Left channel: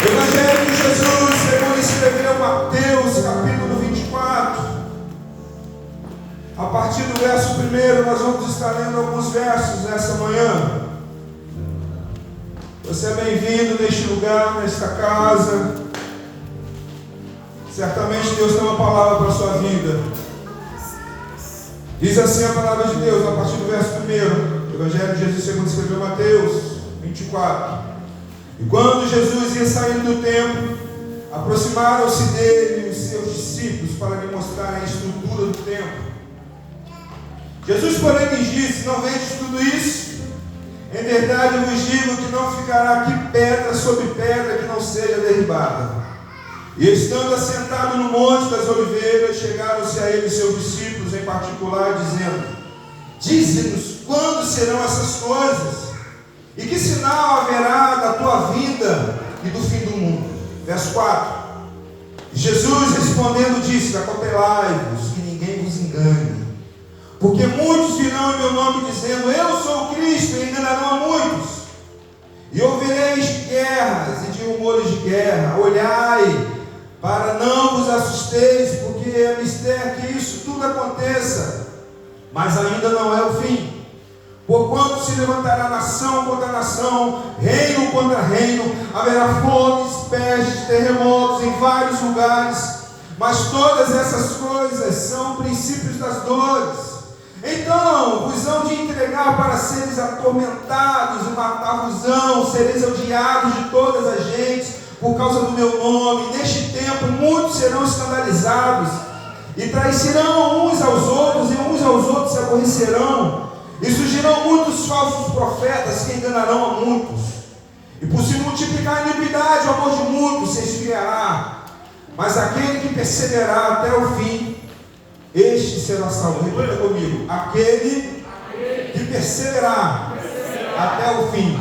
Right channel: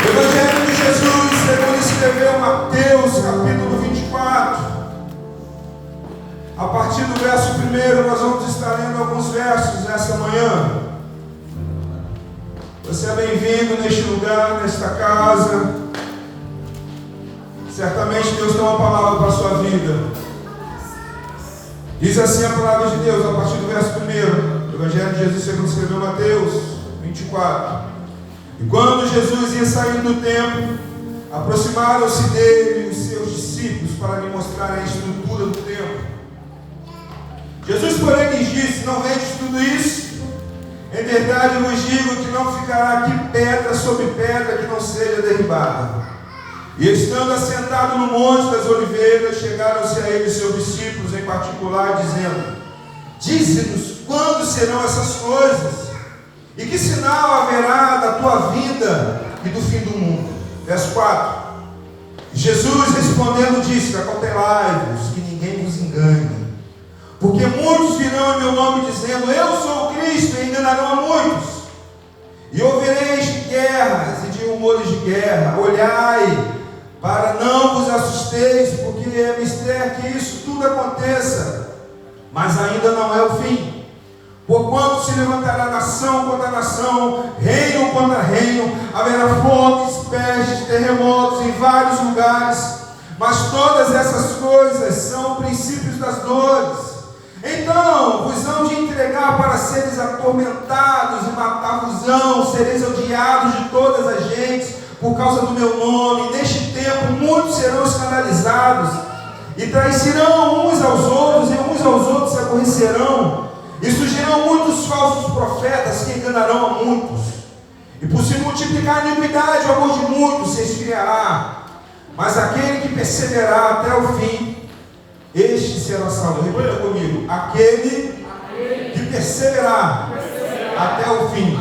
Evangelho de Jesus, segundo escreveu Mateus, capítulo 24. A partir do verso 1, nós vamos estar lendo alguns versos nesta manhã. Você é bem-vindo neste lugar, nesta casa. Certamente Deus tem uma palavra para a sua vida. Diz assim a palavra de Deus, a partir do verso 1. Evangelho de Jesus, segundo escreveu Mateus 24. E quando Jesus ia saindo do templo, aproximaram-se dele os seus discípulos para lhe mostrarem a estrutura do templo. Jesus, porém, lhes disse: não vedes tudo isso? Em verdade vos digo que não ficará aqui pedra sobre pedra que não seja derribada. E estando assentado no Monte das Oliveiras, chegaram-se a ele seus discípulos em particular, dizendo: dize-nos quando serão essas coisas? E que sinal haverá da tua vinda e do fim do mundo? Verso 4. Jesus respondendo disse: acautelai-vos, que ninguém vos engane. Porque muitos virão em meu nome dizendo: eu sou o Cristo, e enganarão a muitos. E ouvireis de guerras e de rumores de guerra. Olhai, para não vos assusteis, porque é mister que isso tudo aconteça, mas ainda não é o fim. Porquanto se levantará nação contra nação, reino contra reino, haverá fomes, pestes, terremotos em vários lugares, mas todas essas coisas são princípios das dores. Então vos hão de entregar para seres atormentados, e matar-vos-ão, sereis odiados de todas as gentes, por causa do meu nome. Neste tempo muitos serão escandalizados, e traiçoeirão uns aos outros, e uns aos outros se aborrecerão. E surgirão muitos falsos profetas que enganarão a muitos. E por se multiplicar a iniquidade, o amor de muitos se esfriará. Mas aquele que perseverar até o fim, este será salvo. Repita comigo: aquele que perseverar até o fim,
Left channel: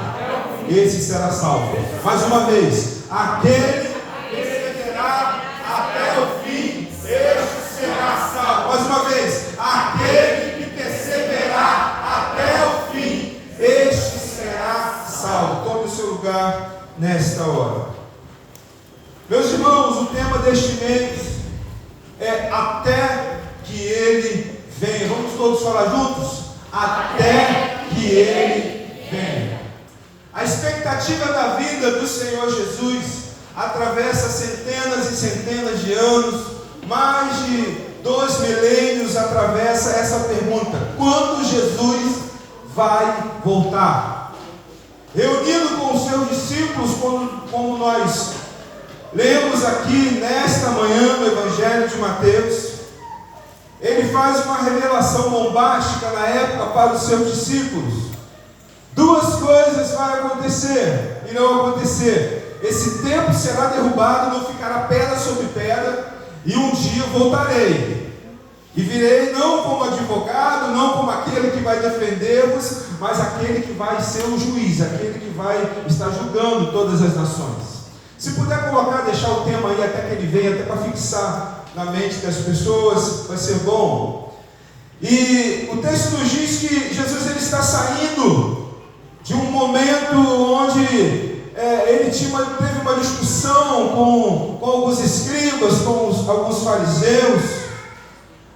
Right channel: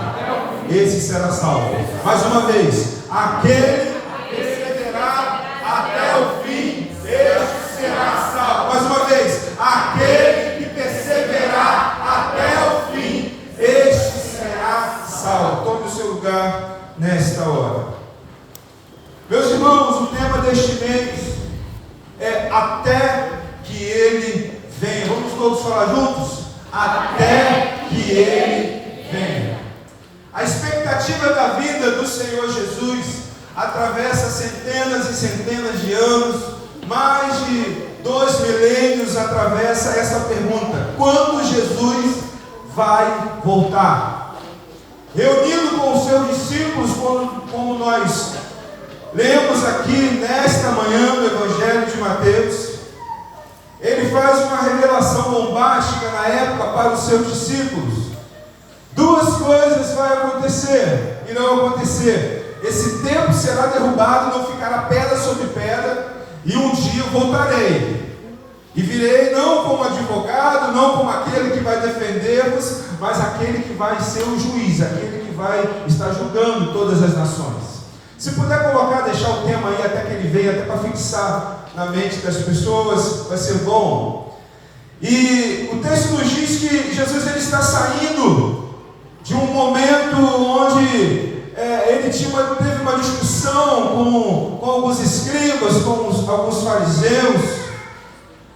esse será salvo. Mais uma vez: aquele que perseverar até o fim, este será salvo. Mais uma vez: aquele que perseverar até o fim, este será salvo. Tome o seu lugar nesta hora. Meus irmãos, o tema deste mês é até que ele venha. Vamos todos falar juntos? Até que ele venha. A expectativa da vida do Senhor Jesus atravessa centenas e centenas de anos, mais de 2 milênios atravessa essa pergunta: quando Jesus vai voltar? Reunido com os seus discípulos, como nós lemos aqui nesta manhã no Evangelho de Mateus, ele faz uma revelação bombástica na época para os seus discípulos. Duas coisas vão acontecer, irão acontecer: esse templo será derrubado, não ficará pedra sobre pedra, e um dia eu voltarei, e virei não como advogado, não como aquele que vai defender-vos, mas aquele que vai ser o juiz, aquele que vai estar julgando todas as nações. Se puder colocar, deixar o tema aí até que ele venha, até para fixar na mente das pessoas, vai ser bom. E o texto nos diz que Jesus ele está saindo de um momento onde ele teve uma discussão com alguns escribas, com alguns fariseus,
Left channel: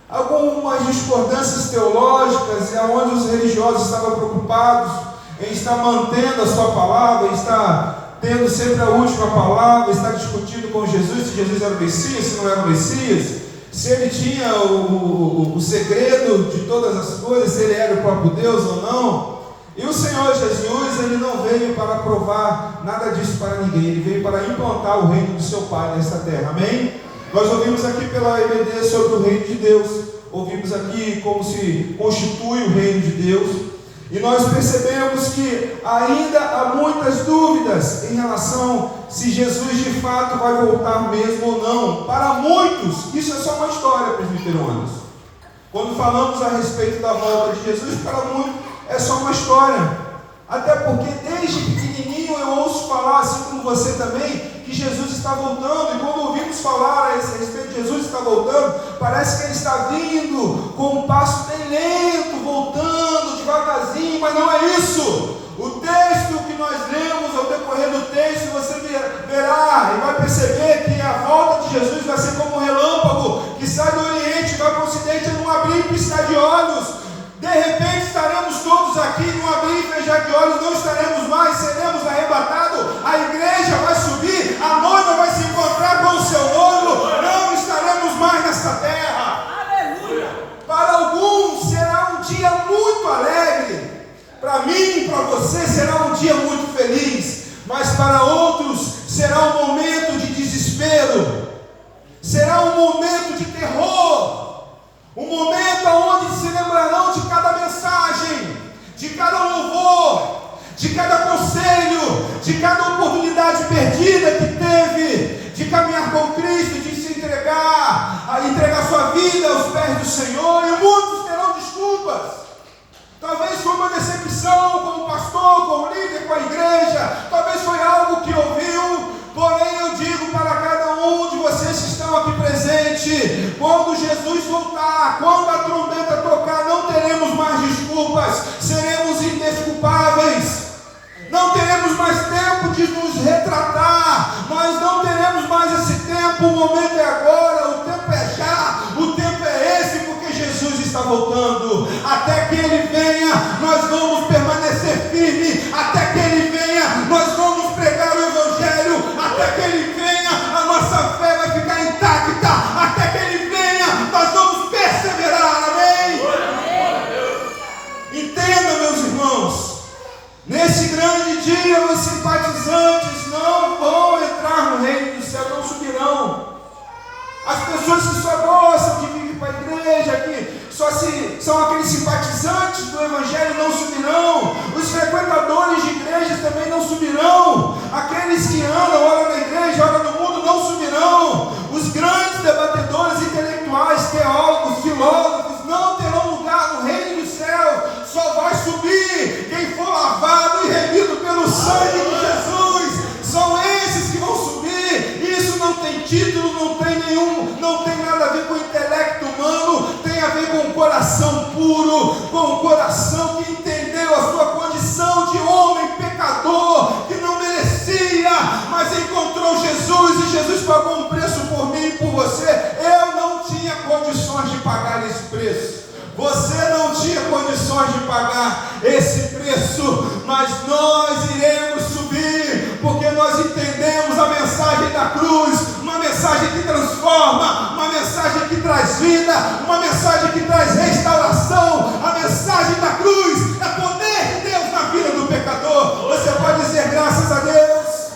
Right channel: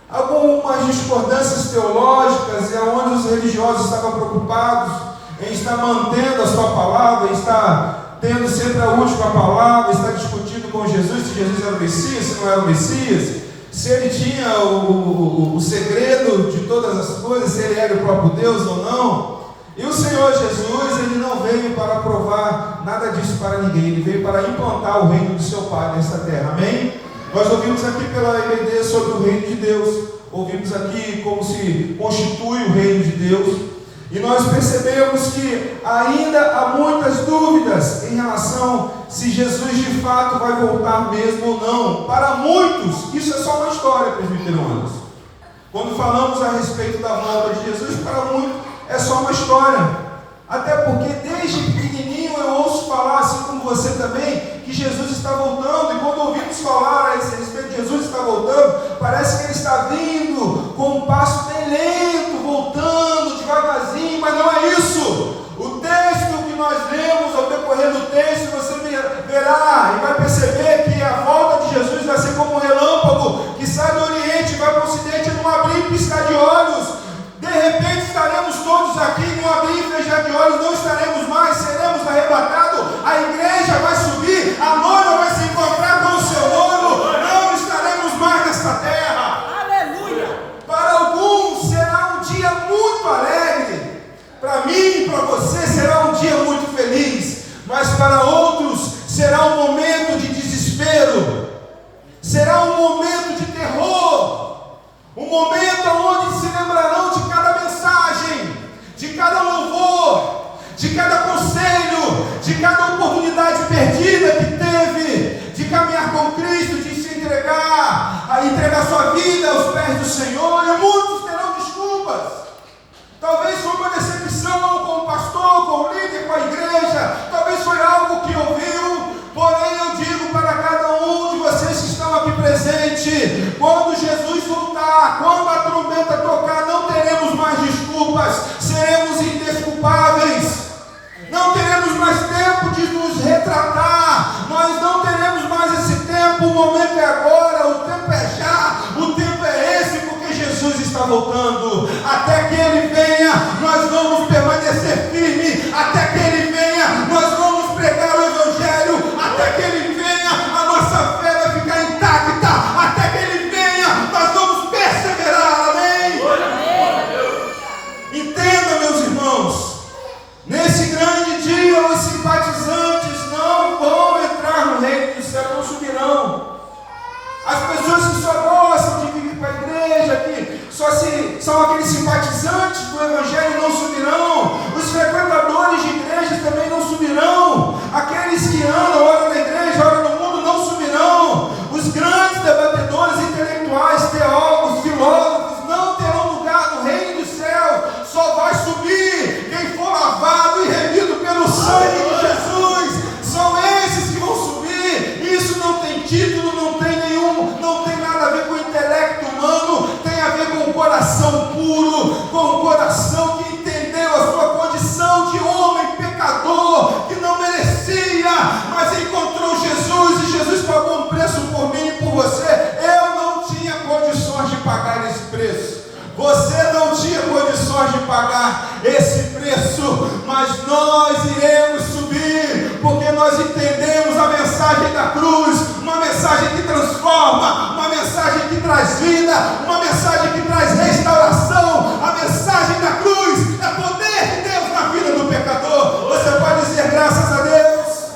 algumas discordâncias teológicas, e onde os religiosos estavam preocupados em estar mantendo a sua palavra, em estar tendo sempre a última palavra, estar discutindo com Jesus se Jesus era o Messias, se não era o Messias, se ele tinha o segredo de todas as coisas, se ele era o próprio Deus ou não. E o Senhor Jesus, ele não veio para provar nada disso para ninguém, ele veio para implantar o reino do seu Pai nesta terra, amém? Nós ouvimos aqui pela EBD sobre o reino de Deus, ouvimos aqui como se constitui o reino de Deus, e nós percebemos que ainda há muitas dúvidas em relação se Jesus de fato vai voltar mesmo ou não. Para muitos, isso é só uma história, presbiterianos. Quando falamos a respeito da volta de Jesus, para muitos é só uma história. Até porque desde pequenininho eu ouço falar, assim como você também, que Jesus está voltando. E quando ouvimos falar a esse respeito de Jesus está voltando, parece que ele está vindo com um passo bem lento, voltando devagarzinho, mas não é isso. O texto que nós lemos, ao decorrer do texto, você verá olhos, não estaremos mais, seremos arrebatados, a igreja vai subir, a noiva vai se encontrar com o seu noivo, não estaremos mais nesta terra. Aleluia. Para alguns será um dia muito alegre, para mim e para você será um dia muito feliz, mas para outros será um momento de desespero, será um momento de terror, um momento onde se lembrarão de cada mensagem, de cada louvor, de cada conselho, de cada oportunidade perdida que teve, de caminhar com Cristo, de se entregar, a entregar sua vida aos pés do Senhor, e muitos terão desculpas. Talvez foi uma decepção com o pastor, com o líder, com a igreja, talvez foi algo que ouviu, porém eu digo para cada um de vocês que estão aqui presentes, quando Jesus voltar, quando a trombeta tocar, não teremos mais desculpas, seremos indesculpáveis, não teremos mais tempo de nos retratar, nós não teremos mais esse tempo, o momento é agora, o tempo é já, o tempo é esse, porque Jesus está voltando, até que Ele venha, nós vamos permanecer firmes, até que Ele venha, nós vamos pregar o Evangelho, até que Ele venha, a nossa fé vai ficar intacta, até que Ele venha, nós vamos perseverar, amém? Entenda, meus irmãos, nesse grande dia, os simpatizantes não vão entrar no reino do céu, não subirão. As pessoas que só gostam de vir para a igreja, que são aqueles simpatizantes do Evangelho, não subirão. Os frequentadores de igrejas também não subirão. Aqueles que andam, ora na igreja, ora no mundo, não subirão. Os grandes debatedores intelectuais, teólogos, filósofos, não terão lugar no reino do céu. Só vai subir quem for lavado e remido pelo sangue de Jesus. São esses que vão subir. Isso não tem título, não tem nada a ver com o intelecto humano, tem a ver com o coração puro, com o coração que entendeu a sua condição de homem pecador, que não merecia, mas encontrou Jesus, e Jesus pagou um preço por mim e por você. Eu não tinha condições de pagar esse preço, você não tinha condições de pagar esse preço, mas nós iremos subir, porque nós entendemos a mensagem da cruz, uma mensagem que transforma, uma mensagem que traz vida, uma mensagem que traz restauração. A mensagem da cruz é poder de Deus na vida do pecador. Você pode dizer graças a Deus?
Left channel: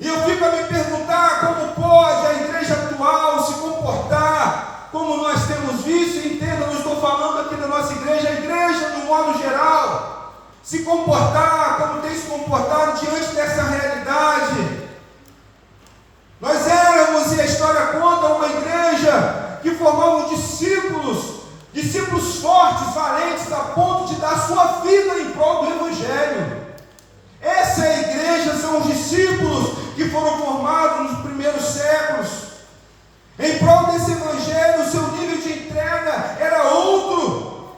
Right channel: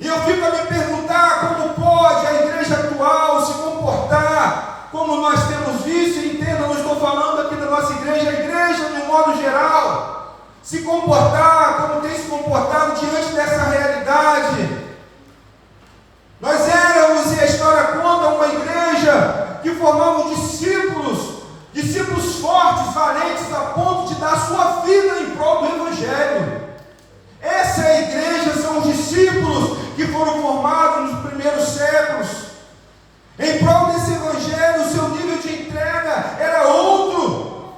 E eu fico a me perguntar como pode a igreja atual se comportar como nós temos visto. E entenda, não estou falando aqui da nossa igreja, a igreja de um modo geral, se comportar como tem se comportado diante dessa realidade. Nós éramos, e a história conta, uma igreja que formava discípulos fortes, valentes, a ponto de dar sua vida em prol do Evangelho. Essa é a igreja, são os discípulos que foram formados nos primeiros séculos. Em prol desse Evangelho, o seu nível de entrega era outro.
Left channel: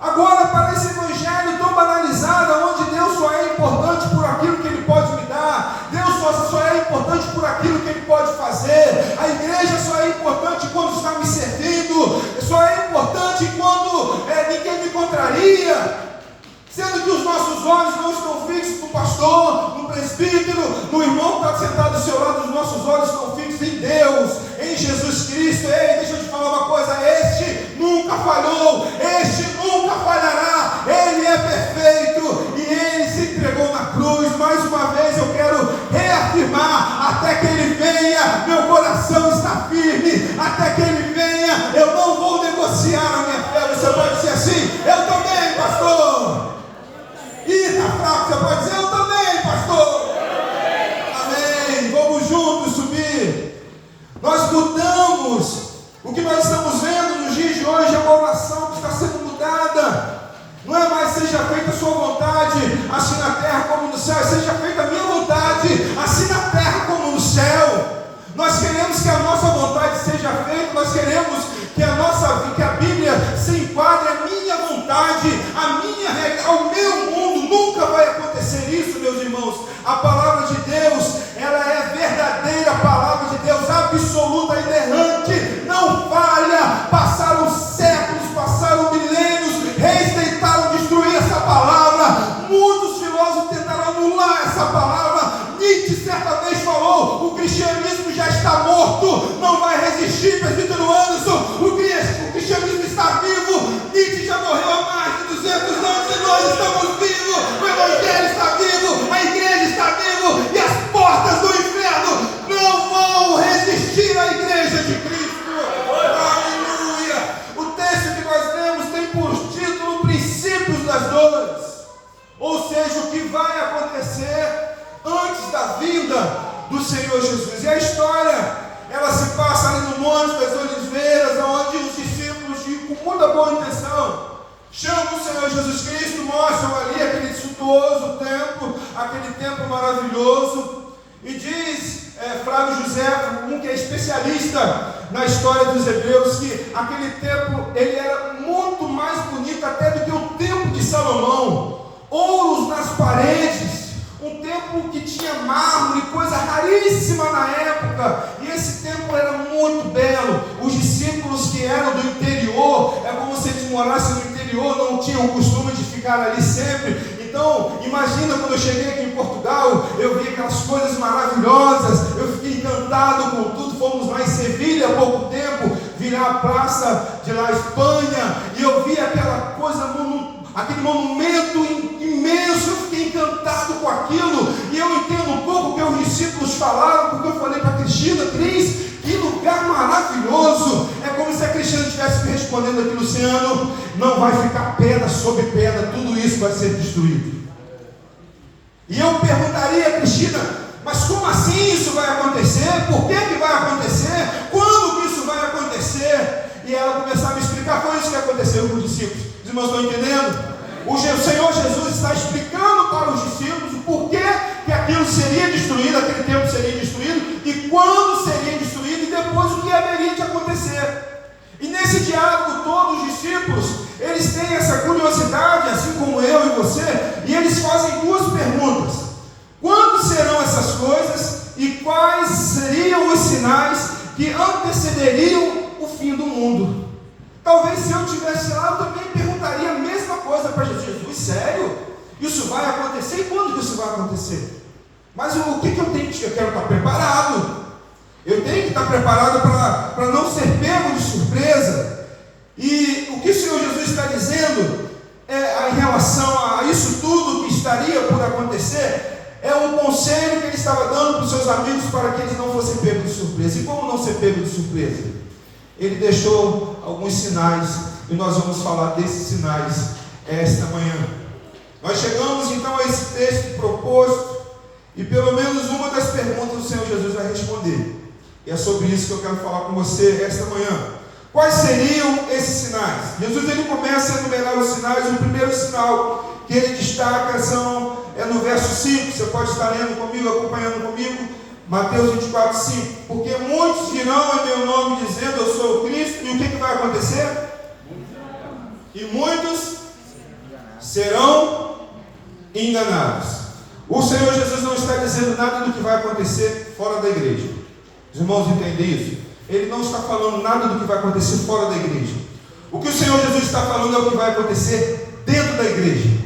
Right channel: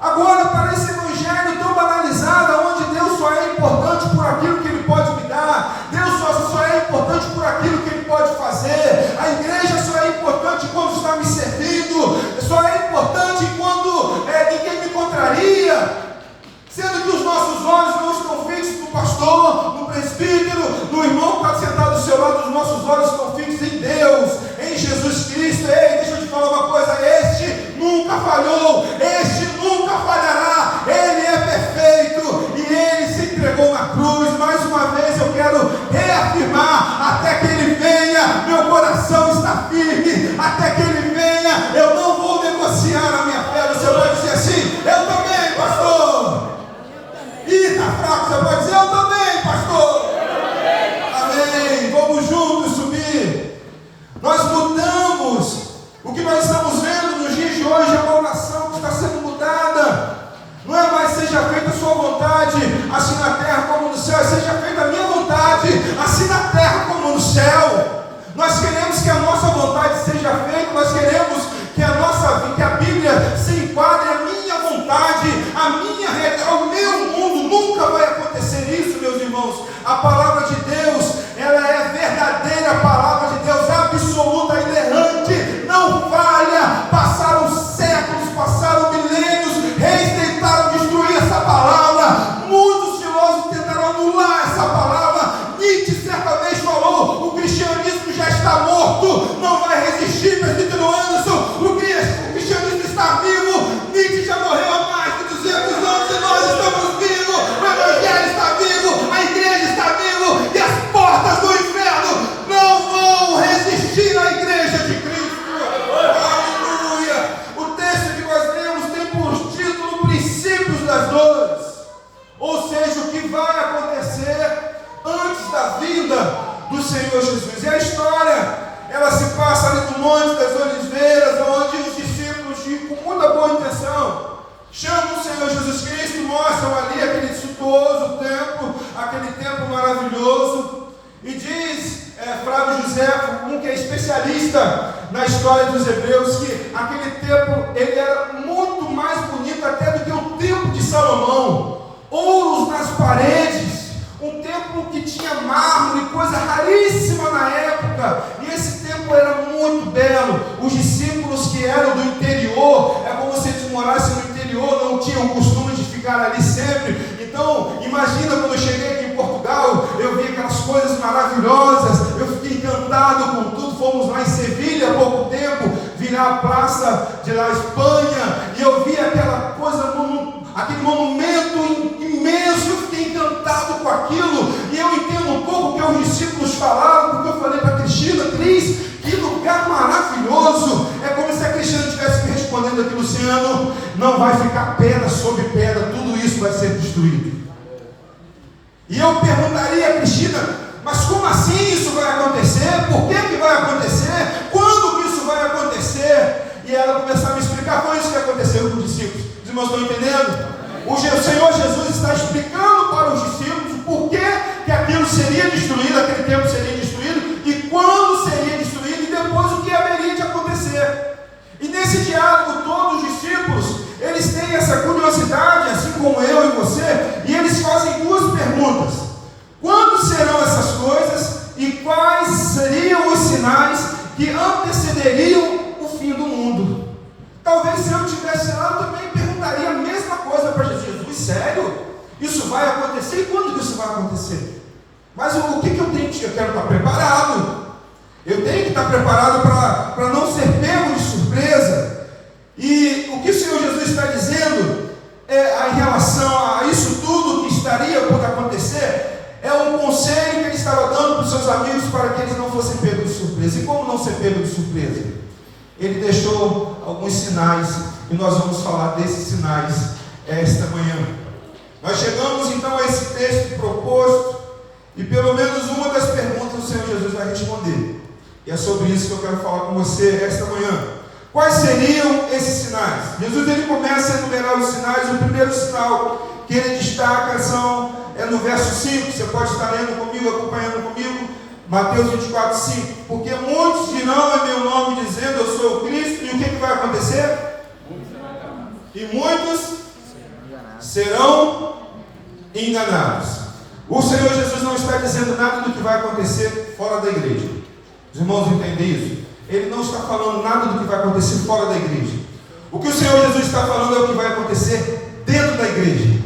Agora, para esse Evangelho tão banalizado, onde Deus só é importante por aquilo que Ele pode me dar, Deus só é importante por aquilo que Ele pode fazer, a igreja só é importante quando está me servindo, só é importante quando ninguém me contraria, sendo que os nossos olhos não estão fixos no pastor, no presbítero, no irmão que está sentado do seu lado, os nossos olhos estão fixos em Deus, em Jesus Cristo. Ei, deixa eu te falar uma coisa, este nunca falhou, este nunca falhará, Ele é perfeito, e Ele se entregou na cruz. Mais uma vez eu quero reafirmar, até que Ele venha, meu coração está firme, até que Ele venha, eu não vou negociar a minha fé. Você pode dizer assim, eu também, pastor. Ih, está fraco, você pode dizer, eu também, pastor. Amém, vamos juntos subir. Nós mudamos. O que nós estamos vendo nos dias de hoje é uma oração que está sendo mudada. Não é mais seja feita a sua vontade, assim na terra como no céu, seja feita a minha vontade, assim na terra como no céu. Nós queremos que a nossa vontade seja feita, nós queremos que a Bíblia se enquadre a minha vontade, a minha regra, o meu mundo. Nunca vai acontecer isso, meus irmãos. A palavra de Deus, ela é verdadeira, a palavra de Deus absoluta, inerrante, não falha. Passaram séculos, passaram milênios, reis tentaram destruir essa palavra, vida do Senhor Jesus. E a história, ela se passa ali no Monte das Oliveiras, onde os discípulos, com muita boa intenção, chamam o Senhor Jesus Cristo, mostram ali aquele suntuoso templo, aquele templo maravilhoso, e diz Flávio José, um que é especialista na história dos hebreus, que aquele templo ele era muito mais bonito até do que o templo de Salomão, ouros nas paredes, um templo que tinha mármore, coisa raríssima na época, e esse templo era muito belo. Os discípulos que eram do interior, é como se eles morassem no interior, não tinham o costume de ficar ali sempre. Então, imagina quando eu cheguei aqui em Portugal, eu vi aquelas coisas maravilhosas, eu fiquei encantado com tudo. Fomos lá em Sevilha há pouco tempo, virar a praça de La Espanha, e eu vi aquela coisa, aquele monumento imenso, eu fiquei encantado com aquilo, e eu entendo um pouco o que os discípulos falaram, porque eu falei para a Cristina, Cris, que lugar maravilhoso. É como se a Cristina estivesse me respondendo aqui, Luciano, não vai ficar pedra sobre pedra, tudo isso vai ser destruído. E eu perguntaria a Cristina, mas como assim isso vai acontecer? Por que vai acontecer? Quando que isso vai acontecer? E ela começou a me explicar, foi isso que aconteceu com os discípulos. Os irmãos estão entendendo? O Senhor Jesus está explicando para os discípulos por que aquilo seria destruído, aquele templo seria destruído, e quando seria destruído, e depois o que haveria de acontecer. E nesse diálogo, todos os discípulos, eles têm essa curiosidade, assim como eu e você, e eles fazem duas perguntas: quando serão essas coisas, e quais seriam os sinais que antecederiam o fim do mundo? Talvez se eu estivesse lá, eu também perguntaria a mesma coisa para Jesus: sério? Isso vai acontecer? E quando que isso vai acontecer? Mas o que eu tenho que... Eu quero estar preparado. Eu tenho que estar preparado para não ser pego de surpresa. E o que o Senhor Jesus está dizendo em relação a isso tudo que estaria por acontecer, é um conselho que ele estava dando para os seus amigos para que eles não fossem pegos de surpresa. E como não ser pego de surpresa? Ele deixou alguns sinais, e nós vamos falar desses sinais esta manhã. Nós chegamos então a esse texto proposto, e pelo menos uma das perguntas o Senhor Jesus vai responder. E é sobre isso que eu quero falar com você esta manhã. Quais seriam esses sinais? Jesus ele começa a enumerar os sinais. O primeiro sinal que ele destaca é no verso 5. Você pode estar lendo comigo, acompanhando comigo. Mateus 24, 5. Porque muitos dirão em meu nome, dizendo eu sou o Cristo. E o que vai acontecer? E muitos serão enganados. O Senhor Jesus não está dizendo nada do que vai acontecer fora da igreja. Os irmãos entendem isso? Ele não está falando nada do que vai acontecer fora da igreja. O que o Senhor Jesus está falando é o que vai acontecer dentro da igreja.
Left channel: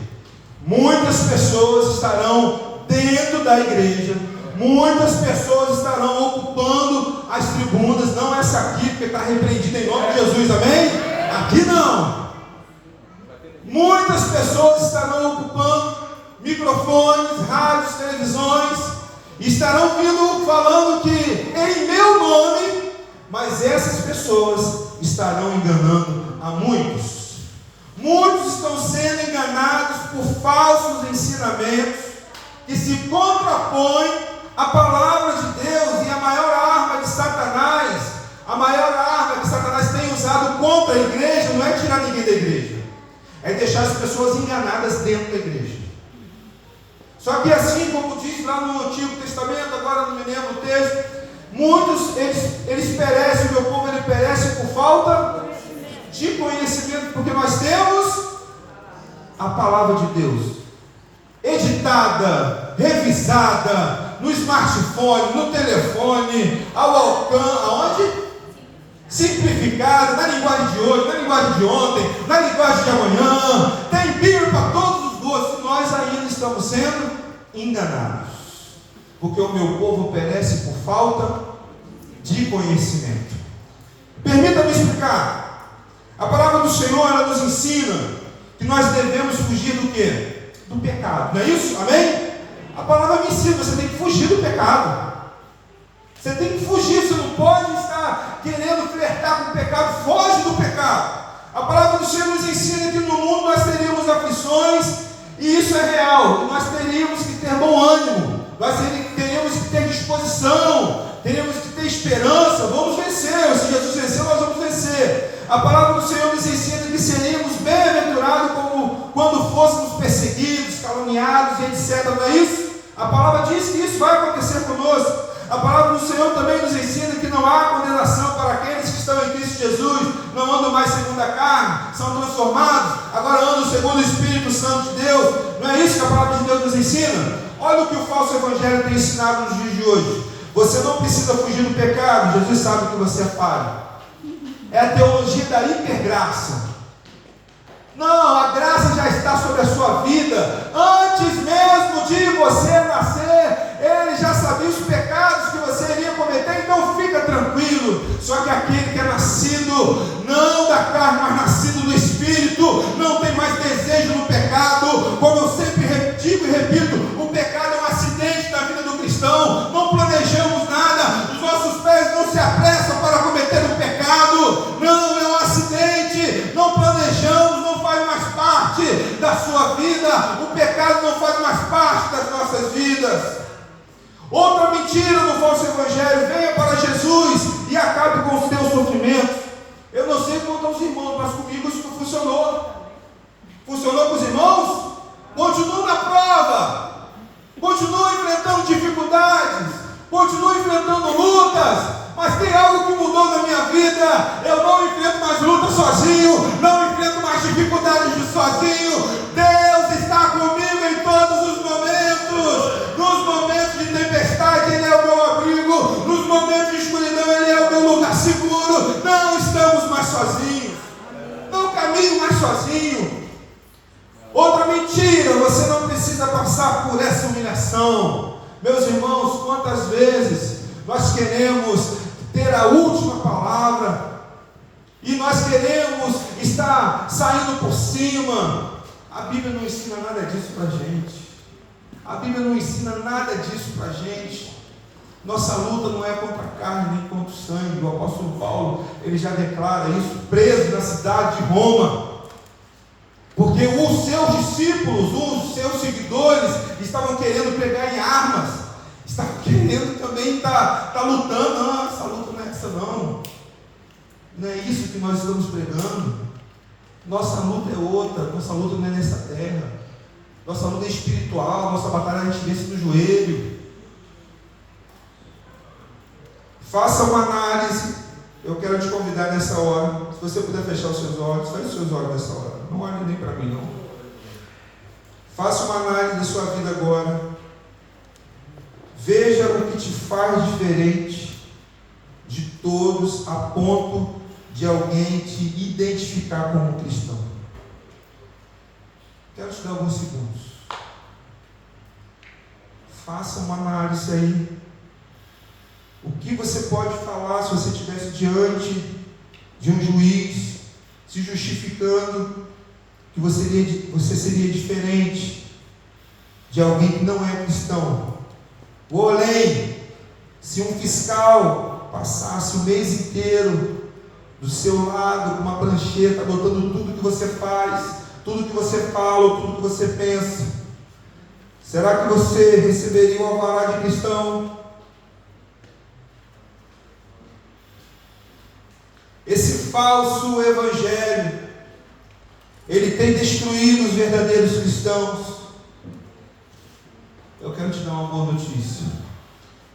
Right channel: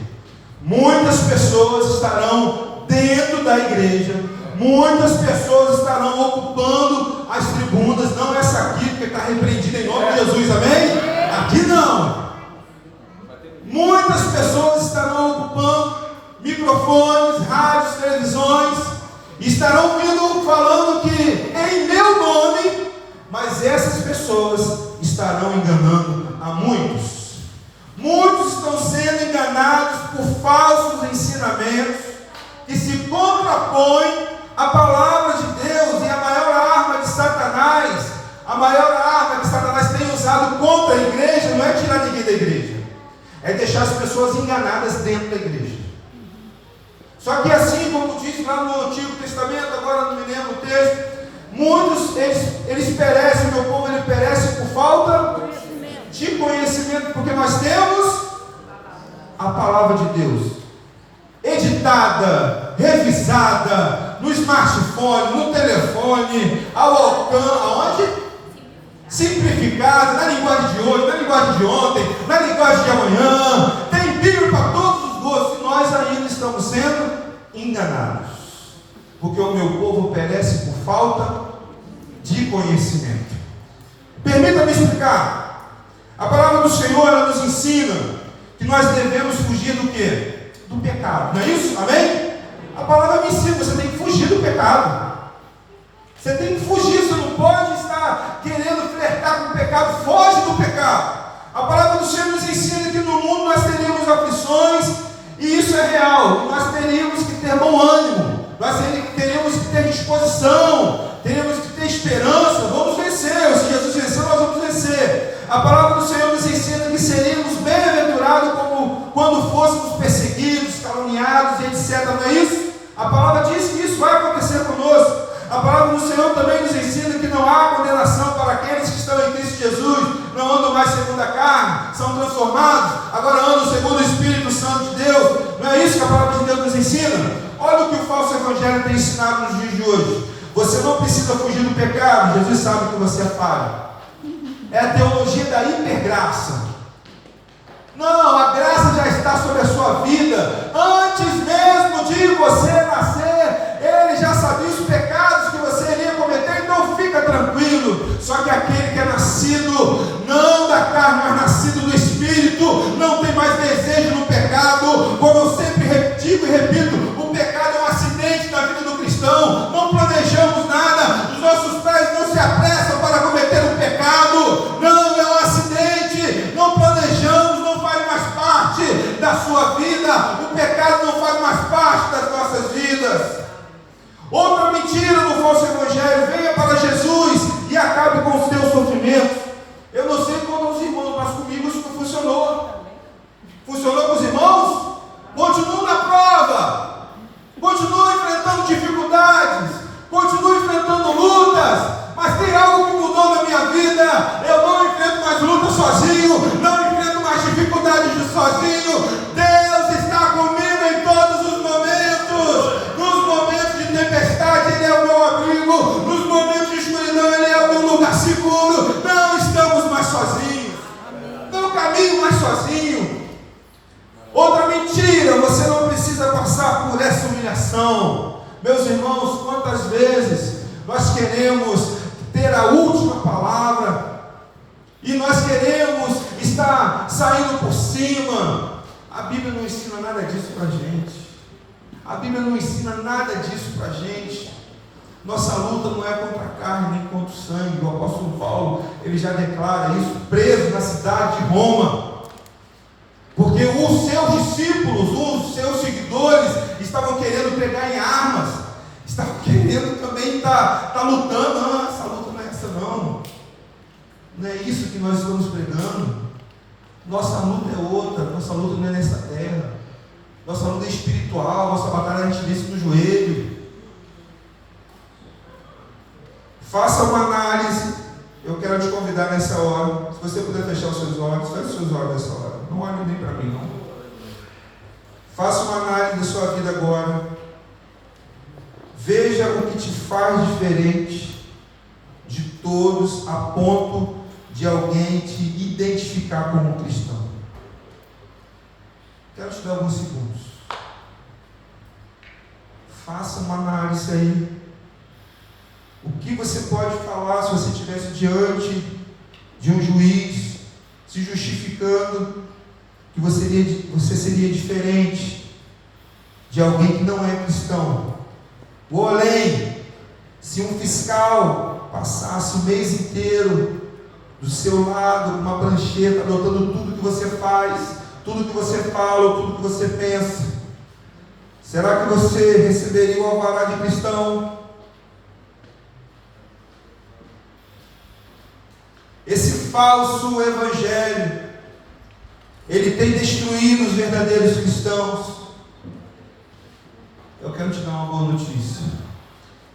Muitas pessoas estarão dentro da igreja. Muitas pessoas estarão ocupando as tribunas. Não essa aqui, porque está repreendida em nome de Jesus, amém? Aqui não. Muitas pessoas estarão ocupando microfones, rádios, televisões, e estarão vindo falando que em meu nome, mas essas pessoas estarão enganando a muitos. Muitos estão sendo enganados por falsos ensinamentos que se contrapõem à palavra de Deus. E a maior arma de Satanás, a maior arma que Satanás tem usado contra a igreja, não é tirar ninguém da igreja, é deixar as pessoas enganadas dentro da igreja. Só que assim como diz lá no Antigo Testamento, agora não me lembro o texto, muitos, eles perecem, o meu povo ele perece por falta de conhecimento, porque nós temos a palavra de Deus, editada, revisada, no smartphone, no telefone, ao alcance, aonde? Simplificada, na linguagem de hoje, na linguagem de ontem, na linguagem de amanhã, tem Bíblia para todos os gostos, e nós ainda estamos sendo enganados, porque o meu povo perece por falta de conhecimento. Permita-me explicar. A palavra do Senhor, ela nos ensina que nós devemos fugir do quê? Do pecado, não é isso? Amém? A palavra me ensina, você tem que fugir do pecado. Você tem que fugir, você não pode estar querendo flertar com o pecado. Foge do pecado. A palavra do Senhor nos ensina que no mundo nós teríamos aflições, e isso é real, e nós teríamos que ter bom ânimo, nós teríamos que ter A palavra do Senhor nos ensina que seríamos bem-aventurados como quando fôssemos perseguidos, caluniados e etc. Não é isso? A palavra diz que isso vai acontecer conosco. A palavra do Senhor também nos ensina que não há condenação para aqueles que estão em Cristo Jesus, não andam mais segundo a carne, são transformados, agora andam segundo o Espírito Santo de Deus. Não é isso que a palavra de Deus nos ensina? Olha o que o falso evangelho tem ensinado nos dias de hoje. Você não precisa fugir do pecado, Jesus sabe que você é falho. É a teologia da hipergraça. Não, a graça já está sobre a sua vida. Antes mesmo de você nascer, Ele já sabia os pecados que você iria cometer, então fica tranquilo. Só que aquele que é nascido, não da carne, mas nascido do Espírito, não tem mais desejo no pecado. Como eu sempre digo e repito, o pecado é um acidente na vida do cristão. Não planejamos nada, os nossos pés não se apressam para cometer um pecado. Não, é um acidente, não planejamos, não faz mais parte da sua vida. O pecado não faz mais parte das nossas vidas. Outra mentira no falso evangelho: venha para Jesus e acabe com os teus sofrimentos. Eu não sei quanto aos irmãos, mas comigo isso não funcionou. Funcionou com os irmãos? Continuo na prova, continuo enfrentando dificuldades, continuo enfrentando lutas, mas tem algo que mudou na minha vida. Eu não enfrento mais luta sozinho, não enfrento mais dificuldades sozinho. Deus está comigo em todos os momentos. Nos momentos de tempestade, Ele é o meu abrigo. Nos momentos de escuridão, Ele é o meu lugar seguro. Não estamos mais sozinhos, não caminho mais sozinho. Outra mentira: você não precisa passar por essa humilhação. Meus irmãos, quantas vezes nós queremos ter a última palavra e nós queremos estar saindo por cima. A Bíblia não ensina nada disso para a gente. A Bíblia não ensina nada disso para a gente. Nossa luta não é contra a carne nem contra o sangue. O apóstolo Paulo, ele já declara isso, preso na cidade de Roma, porque os seus discípulos, os seus seguidores estavam querendo pegar em armas, estavam querendo também estar lutando. Não, essa luta não é essa não. Não é isso que nós estamos pregando. Nossa luta é outra. Nossa luta não é nessa terra. Nossa luta é espiritual. Nossa batalha a gente vence no joelho. Faça uma análise. Eu quero te convidar nessa hora. Se você puder fechar os seus olhos, feche os seus olhos nessa hora. Não olhe nem para mim, não. Faça uma análise da sua vida agora. Veja o que te faz diferente de todos, a ponto de alguém te identificar como cristão. Quero te dar alguns segundos. Faça uma análise aí. O que você pode falar se você estivesse diante de um juiz, se justificando que você seria diferente de alguém que não é cristão? Ou além, se um fiscal passasse o mês inteiro do seu lado com uma prancheta, anotando tudo que você faz, tudo que você fala, tudo que você pensa, será que você receberia o alvará de cristão? Esse falso evangelho, ele tem destruído os verdadeiros cristãos. Eu quero te dar uma boa notícia.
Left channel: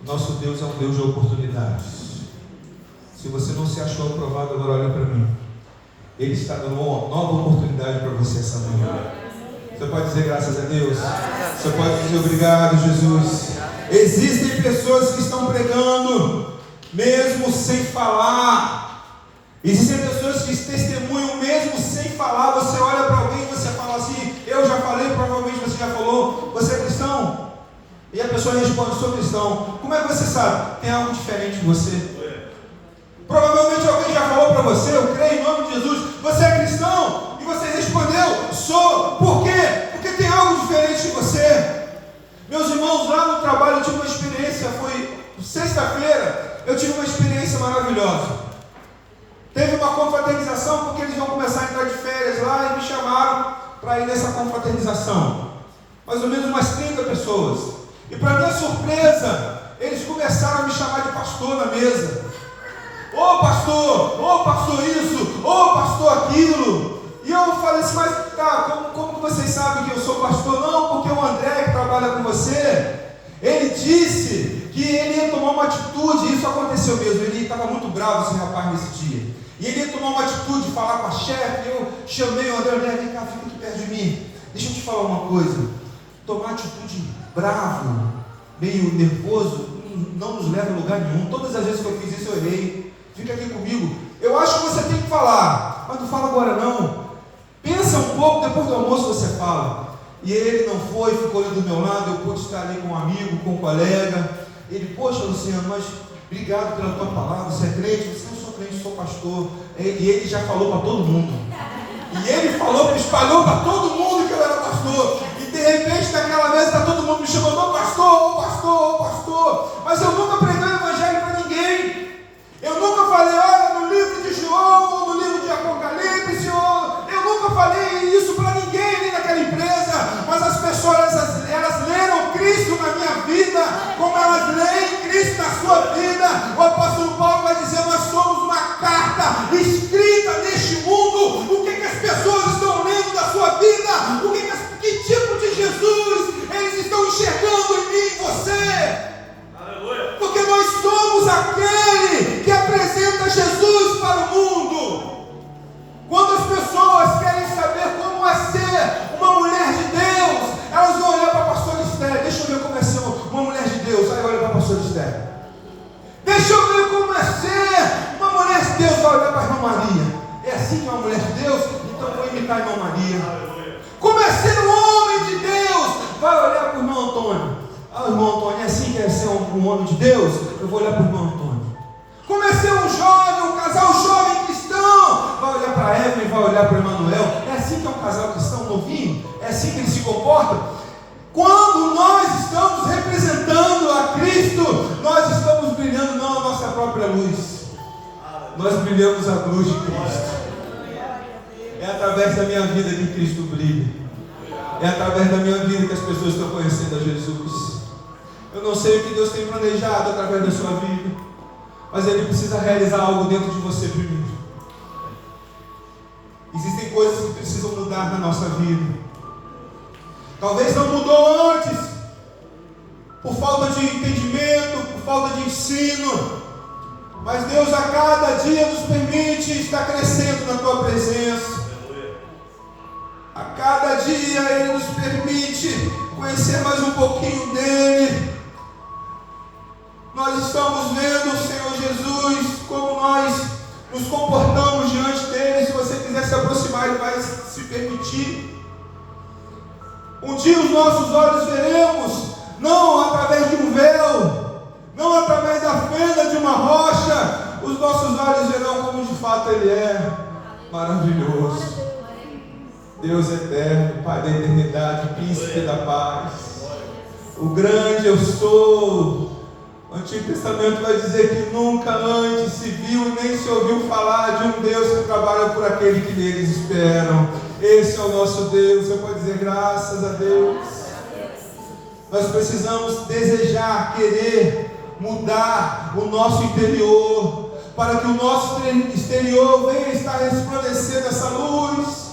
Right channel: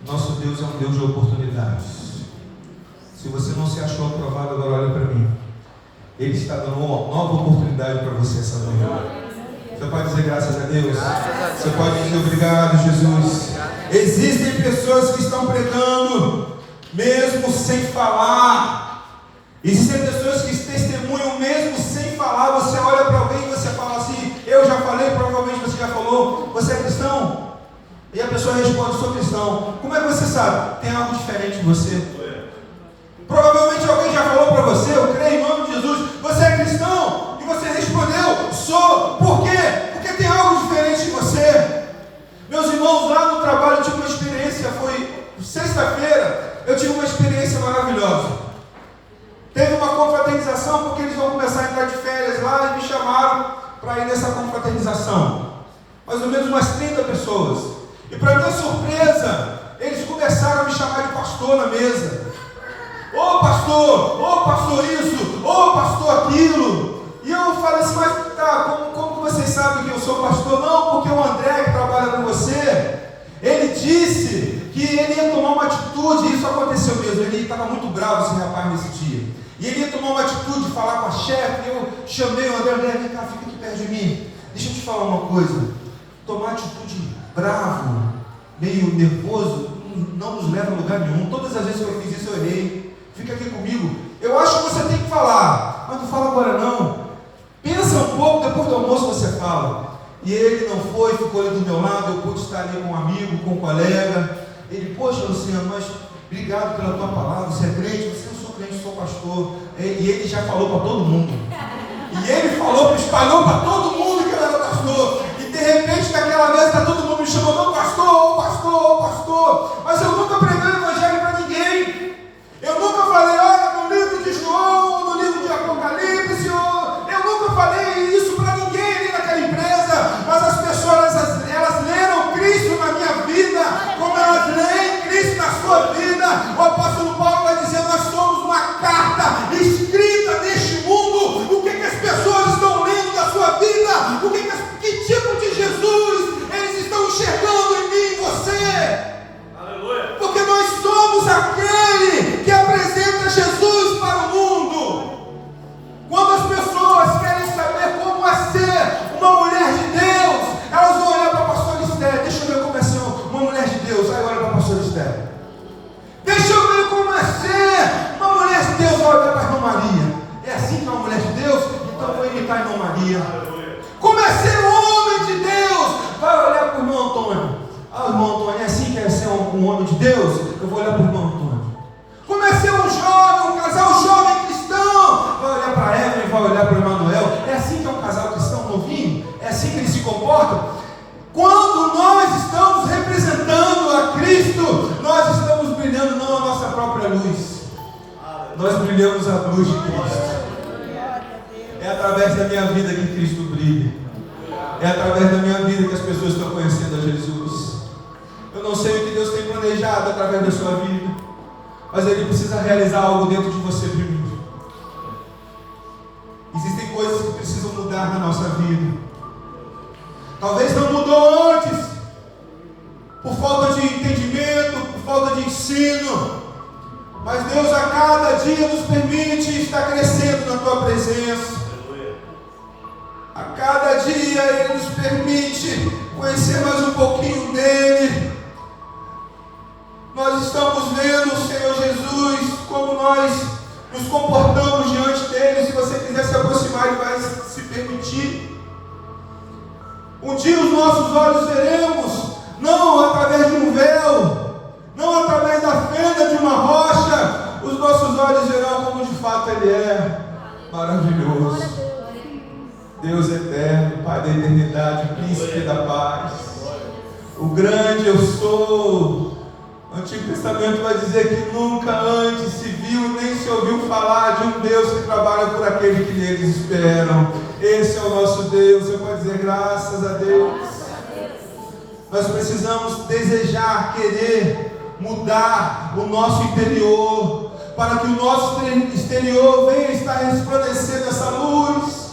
Nosso Deus é um Deus de oportunidades. Se você não se achou aprovado, agora olha para mim. Ele está dando uma nova oportunidade para você essa manhã. Você pode dizer graças a Deus? Você pode dizer obrigado, Jesus. Existem pessoas que estão pregando mesmo sem falar. Existem pessoas que testemunham mesmo sem falar. Você olha para alguém e você fala assim: eu já falei, provavelmente você já falou, você é cristão? E a pessoa responde: sou cristão. Como é que você sabe? Tem algo diferente em você. Provavelmente alguém já falou para você: eu creio em nome de Jesus. Você é cristão? E você respondeu: sou. Por quê? Porque tem algo diferente em você. Meus irmãos, lá no trabalho eu tive uma experiência. Foi sexta-feira, eu tive uma experiência maravilhosa. Teve uma confraternização, porque eles vão começar a entrar de férias lá, e me chamaram para ir nessa confraternização. Mais ou menos umas 30 pessoas. E para minha surpresa, eles começaram a me chamar de pastor na mesa. Ô pastor isso, Ô pastor aquilo. E eu falei assim, mas tá, como que vocês sabem que eu sou pastor? Não, porque o André que trabalha com você, ele disse que ele ia tomar uma atitude. Isso aconteceu mesmo, ele estava muito bravo esse rapaz nesse dia. E ele ia tomar uma atitude, falar com a chefe. Eu chamei o André, vem cá, fica aqui perto de mim. Deixa eu te falar uma coisa. Tomar atitude bravo, meio nervoso, não nos leva a lugar nenhum. Todas as vezes que eu fiz isso eu errei. Fica aqui comigo. Eu acho que você tem que falar, mas não fala agora não. Pensa um pouco, depois do almoço você fala. E ele não foi, ficou ali do meu lado. Eu pude estar ali com um amigo, com um colega. Ele, poxa Luciano, mas obrigado pela tua palavra. Você é crente? Você não sou crente, sou pastor. E ele já falou para todo mundo. E ele falou, espalhou para todo mundo que eu era pastor. E de repente naquela mesa está todo mundo me chamando, ô pastor, ô pastor, ô pastor. Mas eu nunca preguei o evangelho para ninguém. Eu nunca falei, olha, no livro de João, no livro de Apocalipse, eu nunca falei isso para ninguém ali naquela empresa. Mas as pessoas, elas leram Cristo na minha vida, como elas leem Cristo na sua vida. O apóstolo Paulo vai dizer, nós somos uma carta escrita neste mundo. O que as pessoas estão lendo da sua vida? Que tipo de Jesus eles estão enxergando em mim e em você? Aleluia. Porque nós somos aquele que apresenta Jesus para o mundo. Quando as pessoas querem saber como é ser uma mulher de Deus, elas vão olhar para a pastora Esther. Deixa eu ver como é ser uma mulher de Deus. Aí olha para a pastora Esther. Deixa eu ver como é ser uma mulher de Deus. Vai olhar para a irmã Maria. É assim que é uma mulher de Deus? Então eu vou imitar a irmã Maria. Como é ser um homem de Deus? Vai olhar para o irmão Antônio. Ah, irmão Antônio, é assim que é ser um homem de Deus? Eu vou olhar para o irmão Antônio. Como é ser um jovem, um casal jovem cristão? Vai olhar para a Evelyn, vai olhar para o Emanuel. É assim que é um casal cristão novinho? É assim que eles se comportam? Quando nós estamos representando a Cristo, nós estamos brilhando não a nossa própria luz. Nós brilhamos a luz de Cristo. É através da minha vida que Cristo brilha. É através da minha vida que as pessoas estão conhecendo a Jesus. Eu não sei o que Deus tem planejado através da sua vida, mas Ele precisa realizar algo dentro de você primeiro. Existem coisas que precisam mudar na nossa vida. Talvez não mudou antes, por falta de entendimento, por falta de ensino. Mas Deus a cada dia nos permite estar crescendo na tua presença. A cada dia Ele nos permite conhecer mais um pouquinho dEle. Nós estamos vendo, Senhor Jesus, como nós nos comportamos diante dEle. Se você quiser se aproximar, Ele vai se permitir. Um dia os nossos olhos veremos, não através de um véu, não através da fenda de uma rocha. Os nossos olhos verão como de fato Ele é maravilhoso. Deus eterno, Pai da eternidade, Príncipe da paz, o grande eu sou. O Antigo Testamento vai dizer que nunca antes se viu nem se ouviu falar de um Deus que trabalha por aquele que neles esperam. Esse é o nosso Deus. Você pode dizer graças a Deus. Nós precisamos desejar, querer mudar o nosso interior, para que o nosso exterior venha estar resplandecendo essa luz.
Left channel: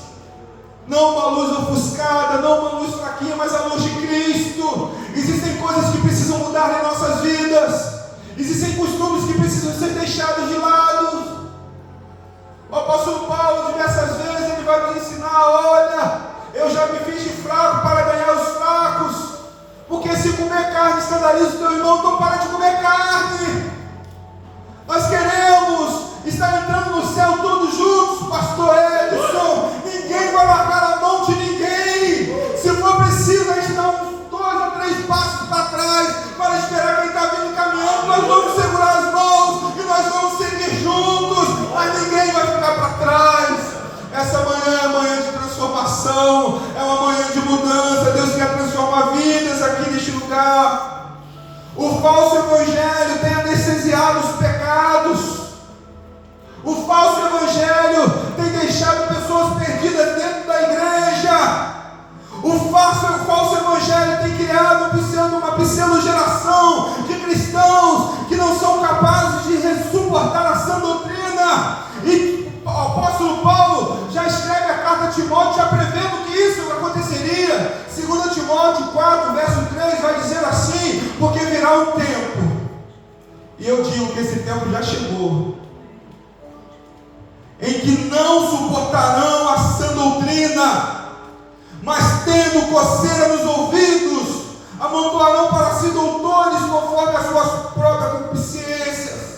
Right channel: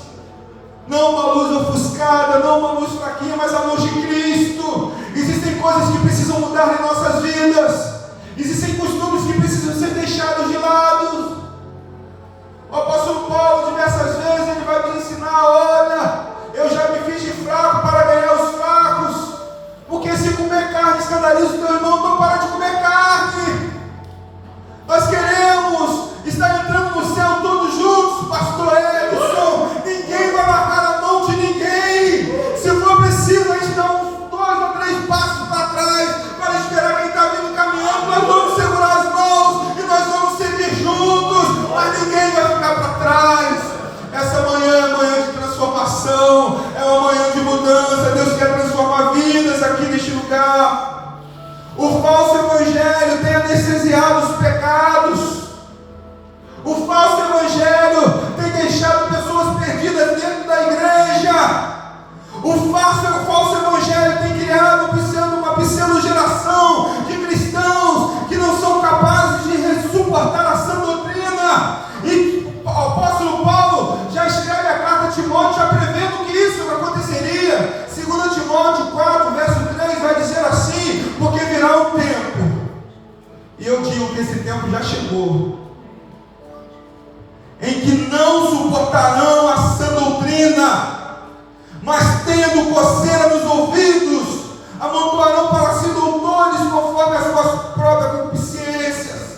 Não uma luz ofuscada, não uma luz fraquinha, mas a luz de Cristo. Existem coisas que precisam mudar em nossas vidas. Existem costumes que precisam ser deixados de lado. O apóstolo Paulo, diversas vezes, ele vai nos ensinar: olha, eu já me fiz de fraco para ganhar os fracos. Porque se comer carne escandaliza o teu irmão, então para de comer carne. Nós queremos estar entrando no céu todos juntos, pastor Edson. Ninguém vai largar a mão de ninguém. Se for preciso, a gente dá uns 2 ou 3 passos para trás, para esperar quem está vindo caminhando. Nós vamos segurar as mãos e nós vamos seguir juntos, mas ninguém vai ficar para trás. Essa manhã é manhã de transformação, é uma manhã de mudança. Deus quer transformar vidas aqui neste lugar. O falso E eu digo que esse tempo já chegou, em que não suportarão a sã doutrina, mas tendo coceira nos ouvidos, amontoarão para si doutores conforme as suas próprias concupiscências.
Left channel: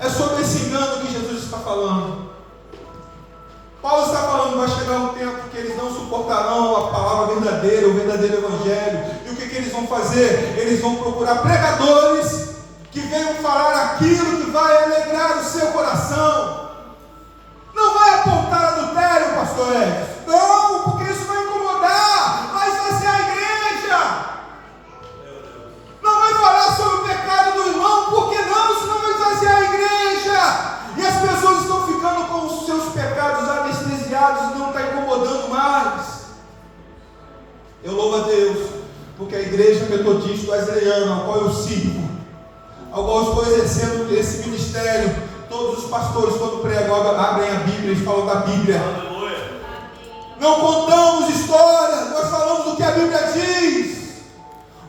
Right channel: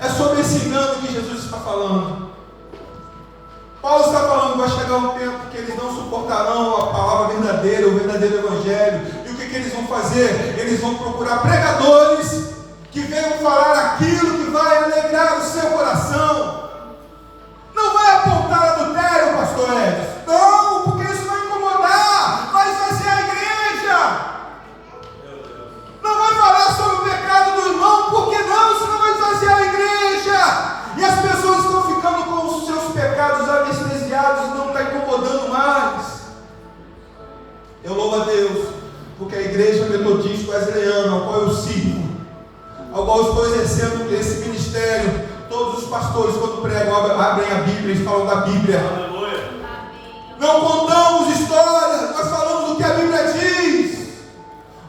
É sobre esse engano que Jesus está falando. Paulo está falando que vai chegar um tempo que eles não suportarão a palavra verdadeira, o verdadeiro evangelho. E o que eles vão fazer? Eles vão procurar pregadores que venham falar aquilo que vai alegrar o seu coração. Não vai apontar adultério, pastor Edson. Não, porque isso vai incomodar. Mas vai ser a igreja. Não vai falar sobre o pecado do irmão, porque não? Senão vai fazer a igreja. E as pessoas estão ficando com os seus pecados anestesiados e não está incomodando mais. Eu louvo a Deus, porque a igreja metodista wesleyana, ao qual eu sirvo, ao qual eu estou exercendo esse ministério, todos os pastores, quando pregam, abrem a Bíblia e falam da Bíblia. Aleluia. Não contamos histórias, nós falamos o que a Bíblia diz.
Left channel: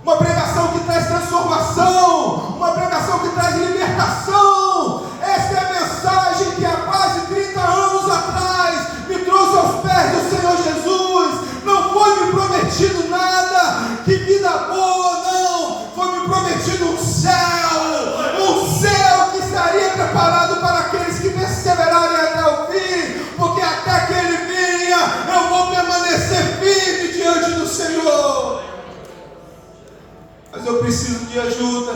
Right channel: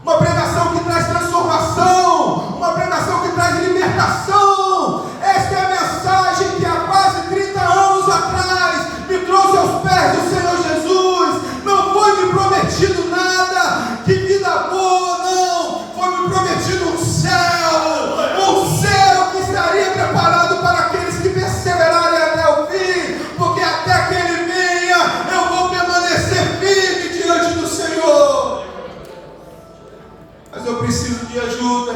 Uma pregação que traz transformação, uma pregação que traz libertação. Esta é a mensagem que há quase 30 anos atrás me trouxe aos pés do Senhor Jesus. Não foi me prometido nada, que vida boa, não. Foi me prometido um céu que estaria preparado para aqueles que perseverarem até o fim, porque até que Ele venha, eu vou permanecer firme diante do Senhor. Mas eu preciso de ajuda.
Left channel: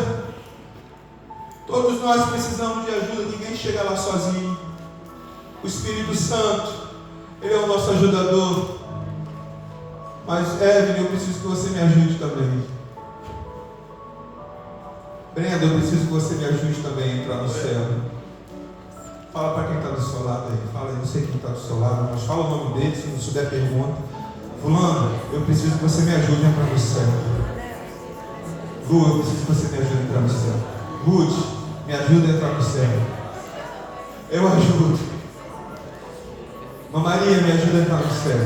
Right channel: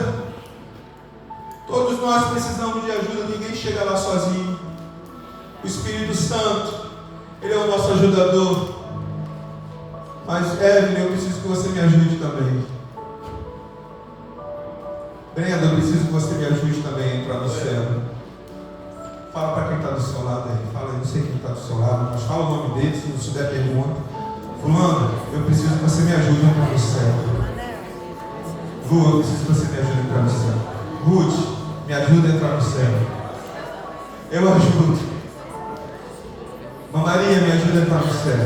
Todos nós precisamos de ajuda, ninguém chega lá sozinho. O Espírito Santo, Ele é o nosso ajudador. Mas Evelyn, eu preciso que você me ajude também. Brenda, eu preciso que você me ajude também a entrar no céu. Fala para quem está do seu lado aí. Fala, eu não sei quem está do seu lado, mas fala o nome dele, se não souber pergunta. Fulano, eu preciso que você me ajude a entrar no céu. Lu, eu preciso que você me ajude a entrar no céu. Ruth, me ajuda a entrar no céu. Eu ajudo. Maria, me ajuda a entrar no céu.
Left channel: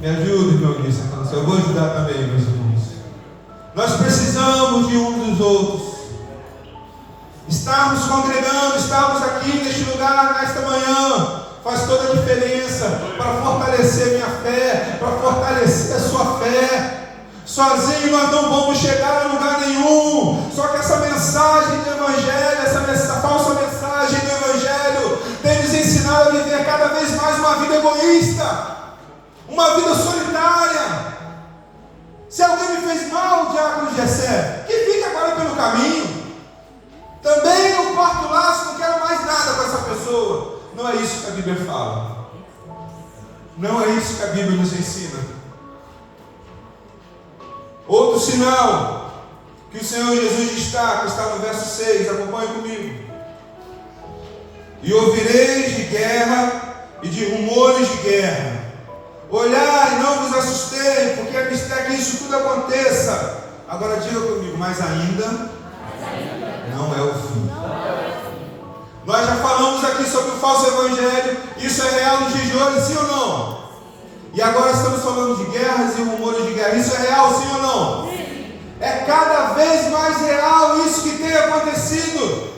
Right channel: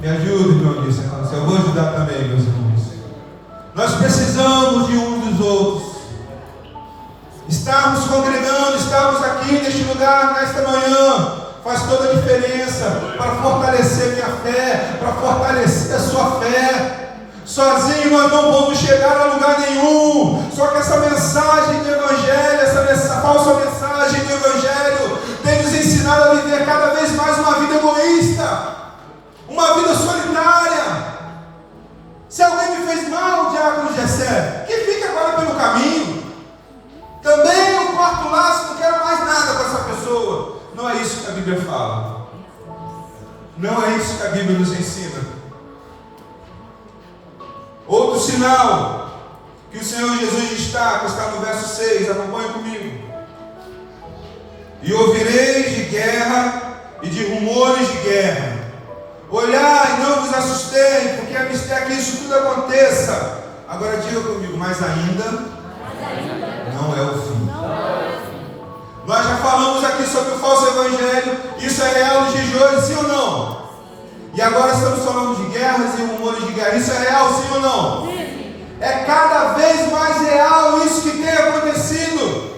Me ajude, meu Deus, a entrar no céu. Eu vou ajudar também, meus irmãos. Nós precisamos de uns dos outros. Estarmos congregando, estarmos aqui neste lugar, nesta manhã, faz toda a diferença para fortalecer minha fé, para fortalecer a sua fé. Sozinho nós não vamos chegar a lugar nenhum. Só que essa mensagem do Evangelho, essa falsa mensagem do Evangelho, tem nos ensinado a viver cada vez mais uma vida egoísta, uma vida solitária. Se alguém me fez mal, diácono Gessé, que fique agora pelo caminho. Também eu corto o laço, não quero mais nada com essa pessoa. Não é isso que a Bíblia fala. Não é isso que a Bíblia nos ensina. Outro sinal que o Senhor Jesus destaca está no verso 6, acompanhe comigo. E ouvireis de guerra e de rumores de guerra. Olhai e não vos assustei, porque é mistério que isso tudo aconteça. Agora diga comigo, mas ainda não é o fim. Nós já falamos aqui sobre o falso evangelho. Isso é real nos dias de hoje, sim ou não? E agora estamos falando de guerras e rumores de guerra. Isso é real, sim ou não? Sim. É cada vez mais real isso que tem acontecido.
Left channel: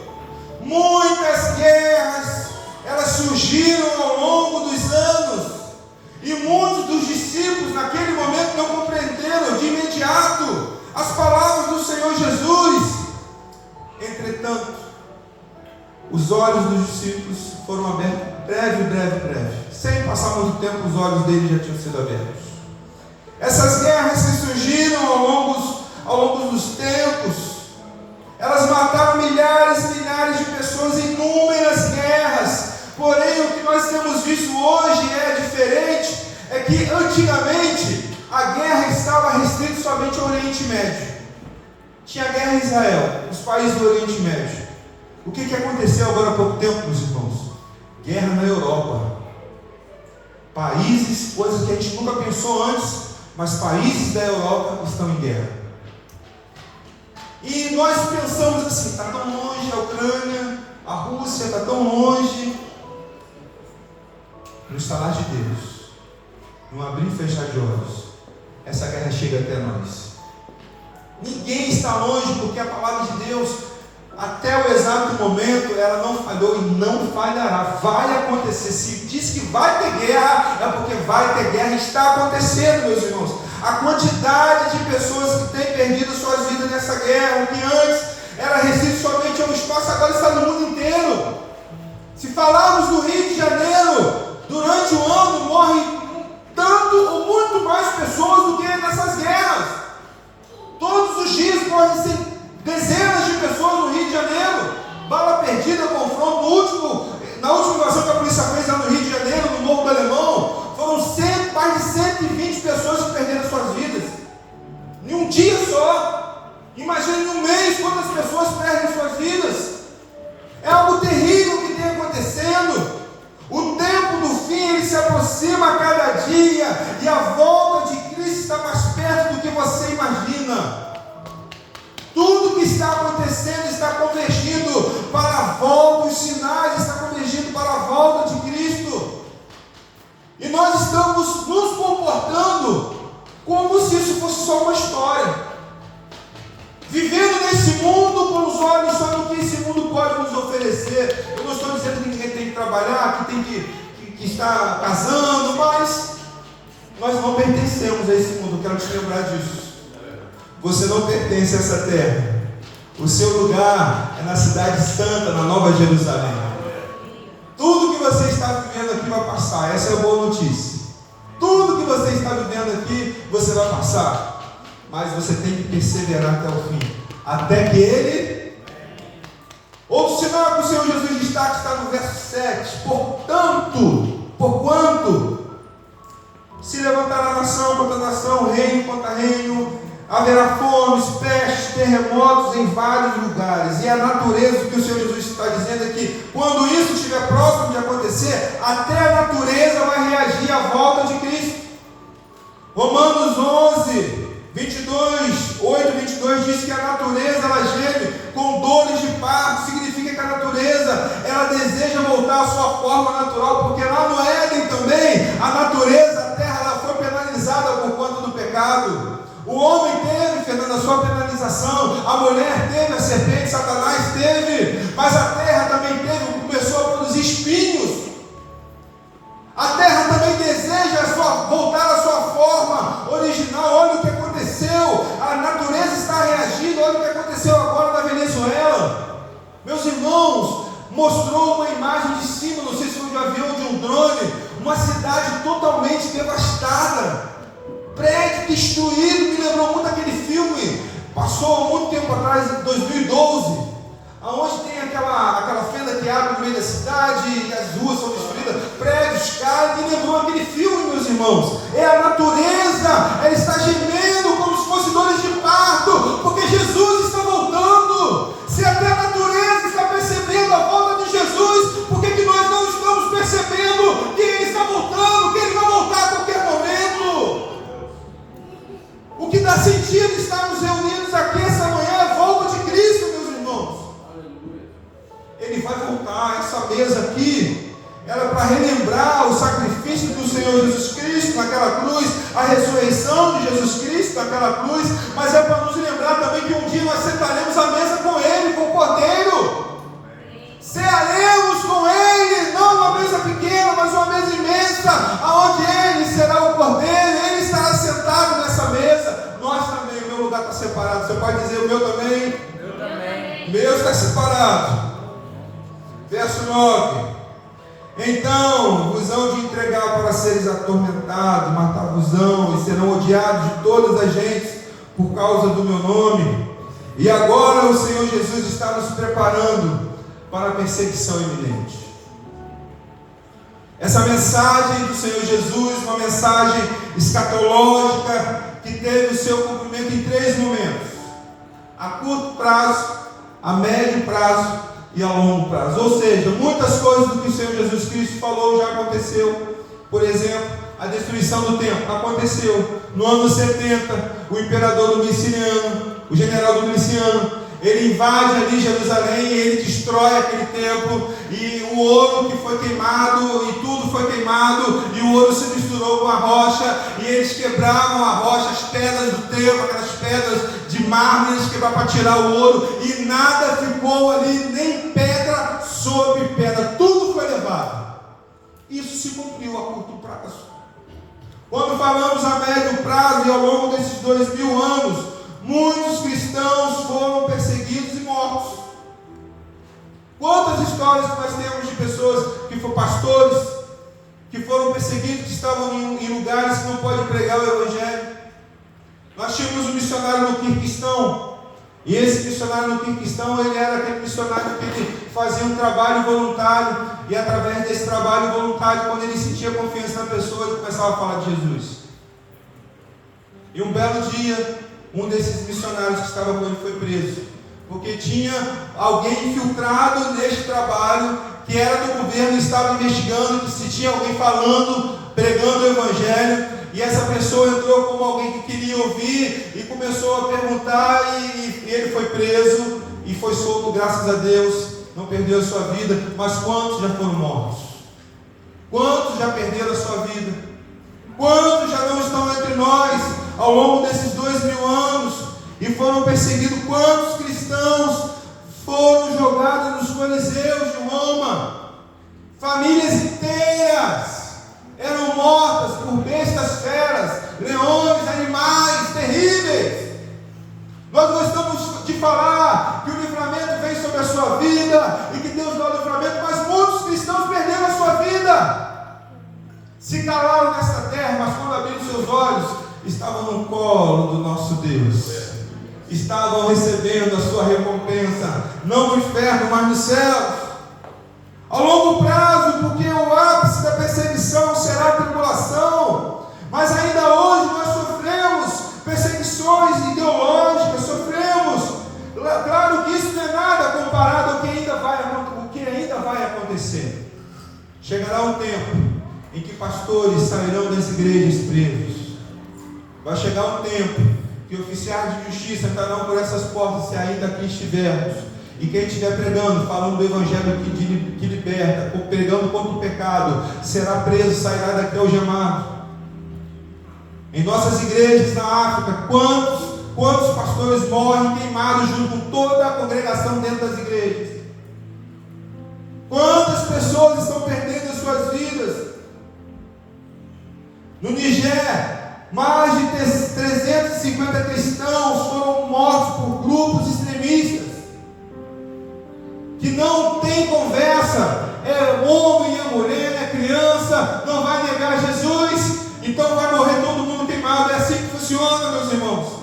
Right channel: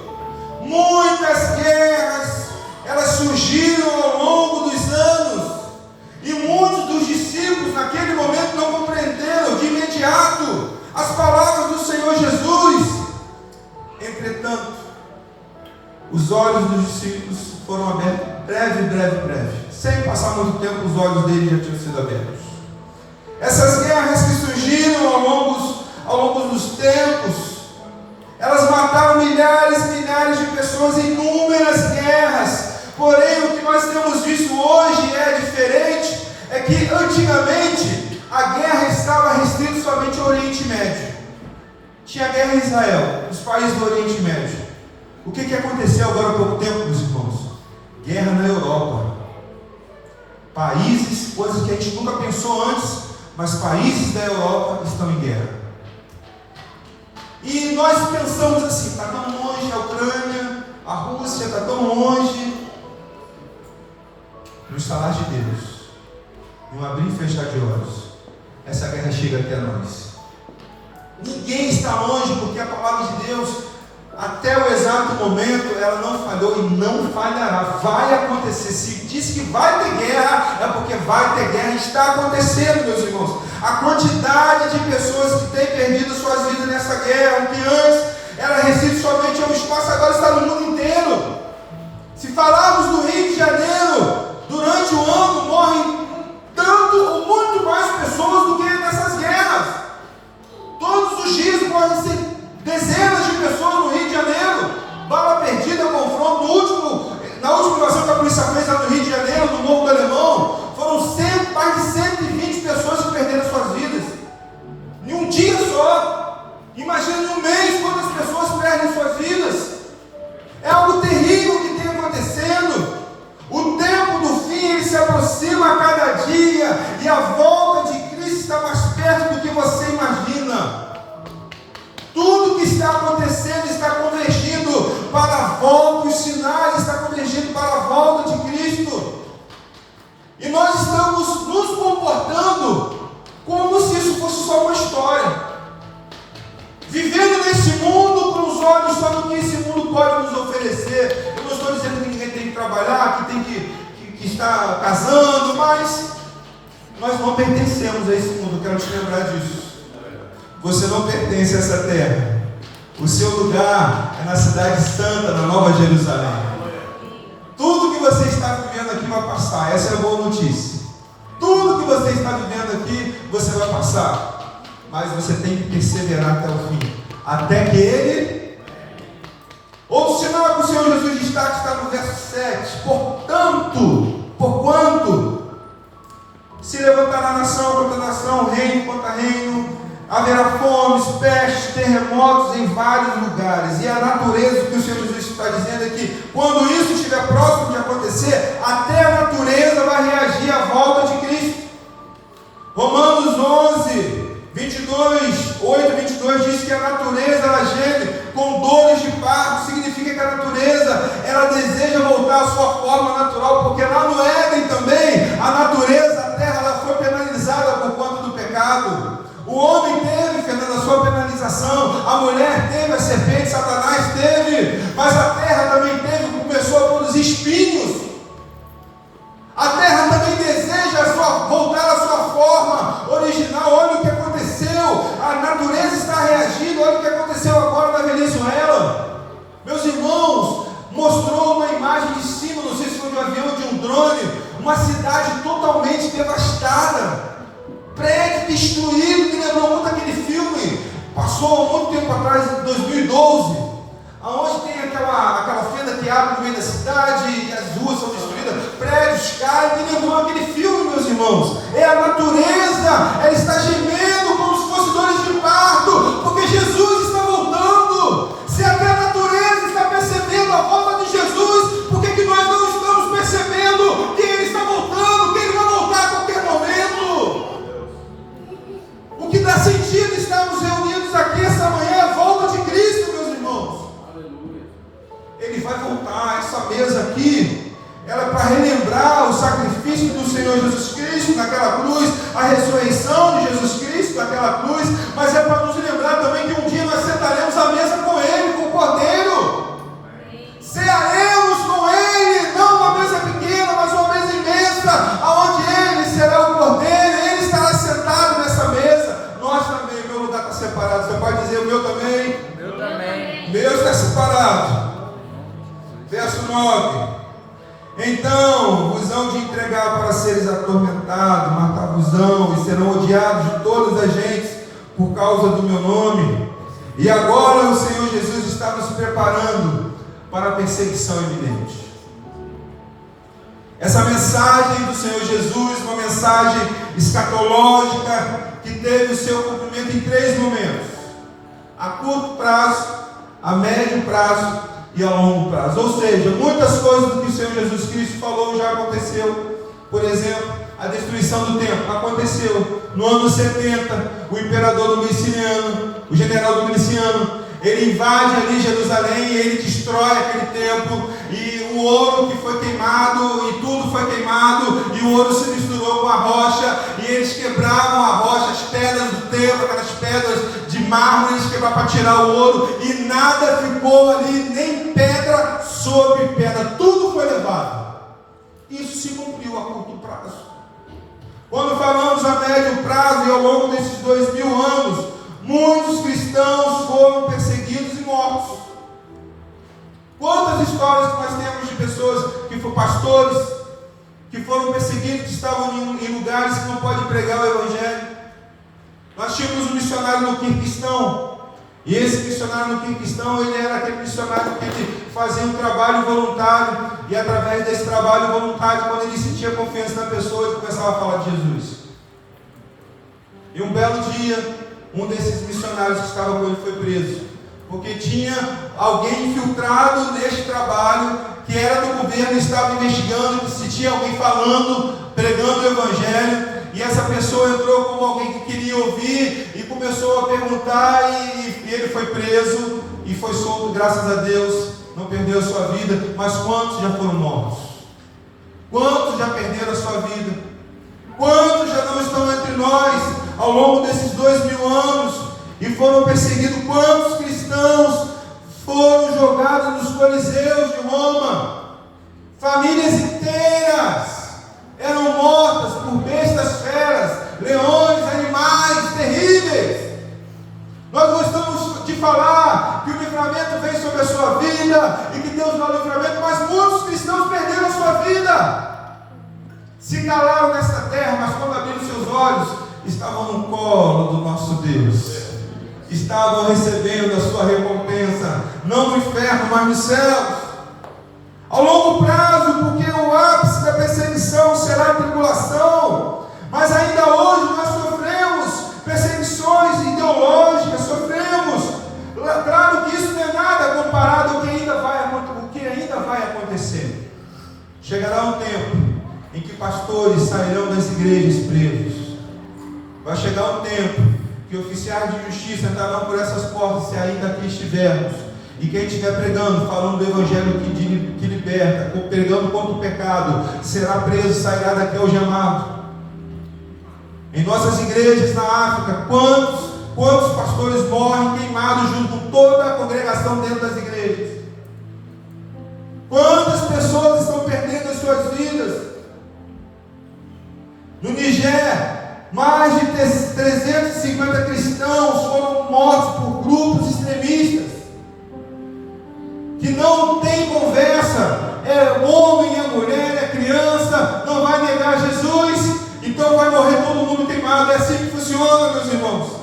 Muitas guerras, elas surgiram ao longo dos anos. E muitos dos discípulos naquele momento não compreenderam de imediato as palavras do Senhor Jesus. Entretanto, os olhos dos discípulos foram abertos breve. Sem passar muito tempo, os olhos deles já tinham sido abertos. Essas guerras que surgiram ao longo dos tempos, elas mataram milhares e milhares de pessoas em inúmeras guerras. Porém, o que nós temos visto hoje é diferente, é que antigamente a guerra estava restrita somente ao Oriente Médio. Tinha guerra em Israel, nos países do Oriente Médio. O que aconteceu agora há pouco tempo, meus irmãos? Guerra na Europa. Países, coisas que a gente nunca pensou antes, mas países da Europa estão em guerra. E nós pensamos assim, está tão longe a Ucrânia, a Rússia está tão longe. No estalar de Deus, no abrir e fechar de olhos, essa guerra chega até nós. Ninguém está longe, porque a palavra de até o exato momento, ela não falhou e não falhará. Vai acontecer. Se diz que vai ter guerra, é porque vai ter guerra. Está acontecendo, meus irmãos. A quantidade de pessoas que têm perdido suas vidas nessa guerra, o que antes era restrito somente ao espaço, agora está no mundo inteiro. Se falarmos do Rio de Janeiro, durante o ano morrem tanto ou muito mais pessoas do que nessas guerras. Todos os dias morrem dezenas de pessoas no Rio de Janeiro. Bala perdida, confronto. Na última invasão que a polícia fez lá no Rio de Janeiro, no Morro do Alemão, foram mais de 120 pessoas que perderam suas vidas. Em um dia só. Imagina em um mês quantas pessoas perdem suas vidas. É algo terrível que tem acontecendo. O tempo do fim ele se aproxima a cada dia, e a volta de Cristo está mais perto do que você imagina. Tudo que está acontecendo está convergindo para a volta, os sinais estão convergindo para a volta de Cristo. E nós estamos nos comportando como se isso fosse só uma história. Vivendo nesse mundo com os olhos só no que esse mundo pode nos oferecer. Eu não estou dizendo que ninguém tem que trabalhar, que tem que estar casando, mas nós não pertencemos a esse mundo. Eu quero te lembrar disso. Você não pertence a essa terra. O seu lugar é na cidade santa, na Nova Jerusalém. Tudo que você está vivendo aqui vai passar. Essa é a boa notícia. Tudo que você está vivendo aqui, você vai passar. Mas você tem que perseverar até o fim. Até que Ele... Outro sinal que o Senhor Jesus destaca está no verso 7. Porquanto se levantará nação contra nação, reino contra reino, haverá fomes, pestes, terremotos em vários lugares. E a natureza, o que o Senhor Jesus está dizendo é que quando isso estiver próximo de acontecer, até a natureza vai reagir à volta de Cristo. Romanos 11, 8:22 diz que a natureza ela geme com dores de parto. Significa que a natureza ela deseja voltar à sua forma natural, porque lá no Éden também a natureza, a terra, ela foi penalizada por conta do pecado. O homem teve, Fernando, a sua penalização, a mulher teve, a serpente, Satanás teve, mas a terra também teve, começou a produzir espinhos. A terra também deseja voltar à sua forma original. Olha o que aconteceu, a natureza está reagindo. Olha o que aconteceu agora na Venezuela. Meus irmãos, mostrou uma imagem de cima, não sei se foi de um avião ou de um drone, uma cidade totalmente devastada, prédio destruído, me lembrou muito aquele filme, passou há muito tempo atrás, em 2012, onde tem aquela fenda que abre no meio da cidade e as ruas são destruídas, prédios caem, me lembrou aquele filme, meus irmãos. É a natureza, ela está gemendo como se fosse dores de parto, porque Jesus está voltando. Se até a natureza está percebendo a volta de Jesus, por que nós não estamos percebendo que Ele está voltando, que Ele vai voltar a qualquer momento? O que dá sentido estarmos reunidos aqui essa manhã é a volta de Cristo, meus irmãos. Ele vai voltar. Essa mesa aqui, ela é para relembrar o sacrifício do Senhor Jesus Cristo naquela cruz, a ressurreição de Jesus Cristo naquela cruz, mas é para nos lembrar também que um dia nós sentaremos à mesa com Ele, com o Cordeiro. Cearemos com Ele, não uma mesa pequena, mas uma mesa imensa, onde Ele será o Cordeiro, Ele estará sentado nessa mesa. Nós também, o meu lugar está separado. Você pode dizer o meu também? Meu também. O meu está separado. Verso 9. Então vos hão de entregar para seres atormentados, matar-vos-ão, e serão odiados de todas as gentes por causa do meu nome. E agora o Senhor Jesus está nos preparando para a perseguição iminente. Essa mensagem do Senhor Jesus, uma mensagem escatológica, que teve o seu cumprimento em 3 momentos: a curto prazo, a médio prazo e a longo prazo. Ou seja, muitas coisas do que o Senhor Jesus Cristo falou já aconteceu. Por exemplo, a destruição do templo aconteceu no ano 70. O imperador Domiciano, o general Domiciano, ele invade ali Jerusalém e ele destrói aquele templo, e o ouro que foi queimado, e tudo foi queimado, e o ouro se misturou com a rocha, e eles quebravam a rocha, as pedras do templo, aquelas pedras de mármore, eles quebravam para tirar o ouro, e nada ficou ali Isso se cumpriu a curto prazo. Quando falamos a médio prazo e ao longo desses 2000 anos, muitos cristãos foram perseguidos e mortos. Quantas histórias que nós temos de pessoas que foram pastores, que foram perseguidos, que estavam em lugares que não podem pregar o Evangelho. Nós tínhamos um missionário no Quirguistão, e esse missionário no Quirguistão, ele era aquele missionário que ele fazia um trabalho voluntário, e através desse trabalho voluntário, quando ele sentia confiança na pessoa, ele começava a falar de Jesus. E um belo dia, um desses missionários que estava com ele foi preso, porque tinha alguém infiltrado neste trabalho, que era do governo, estava investigando se tinha alguém falando, pregando o Evangelho, e essa pessoa entrou como alguém que queria ouvir, e começou a perguntar, e ele foi preso, e foi solto, graças a Deus, não perdeu a sua vida. Mas quantos já foram mortos? Quantos já perderam a sua vida? Quantos já não estão entre nós, ao longo desses 2000 anos, e foram perseguidos? Quantos cristãos foram jogados nos coliseus de Roma? Famílias inteiras eram mortas por bestas feras, leões, animais terríveis. Nós gostamos de falar que o livramento vem sobre a sua vida e que Deus dá o livramento, mas muitos cristãos perderam a sua vida, se calaram nesta terra, mas quando abriram seus olhos, estavam no colo do nosso Deus, estavam recebendo a sua recompensa, não no inferno, mas no céu. Ao longo prazo, porque o ápice da perseguição será a tribulação, mas ainda hoje nós sofremos perseguições ideológicas, sofremos. Claro que isso não é nada comparado ao que ainda vai acontecer. Chegará um tempo em que pastores sairão das igrejas presos. Vai chegar um tempo que oficiais de justiça entrarão por essas portas, se ainda aqui estivermos. E quem estiver pregando, falando do Evangelho que liberta, pregando contra o pecado, será preso, sairá daqui algemado. Em nossas igrejas na África, quantos pastores morrem queimados junto com toda a congregação dentro das igrejas? Quantas pessoas estão perdendo as suas vidas? No Nigéria, mais de 350 cristãos foram mortos por grupos extremistas, que não tem conversa, é o homem e a mulher, é criança, não vai negar Jesus, então vai morrer todo mundo queimado. É assim que funciona, meus irmãos.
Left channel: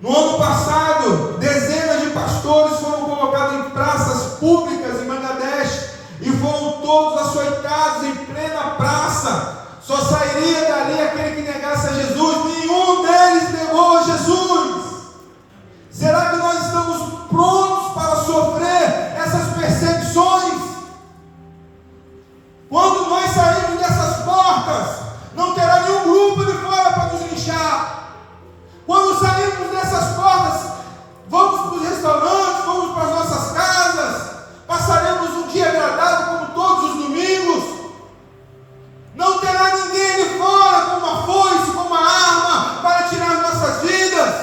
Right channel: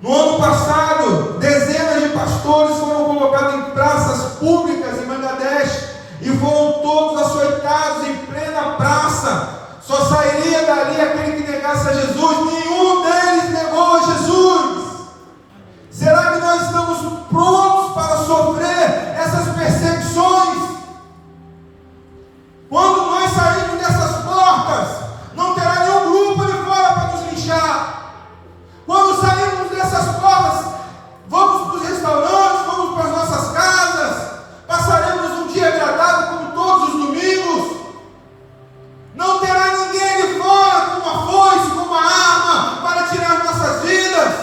No ano passado, dezenas de pastores foram colocados em praças públicas em Bangladesh, e foram todos açoitados em plena praça. Só sairia dali aquele que negasse a Jesus. Nenhum deles negou a Jesus. Será que nós estamos prontos para sofrer essas perseguições? Quando nós sairmos dessas portas, não terá nenhum grupo de fora para nos linchar. Quando sairmos dessas portas, vamos para os restaurantes, vamos para as nossas casas, passaremos um dia agradável como todos os domingos. Não terá ninguém de fora com uma foice, com uma arma para tirar nossas vidas.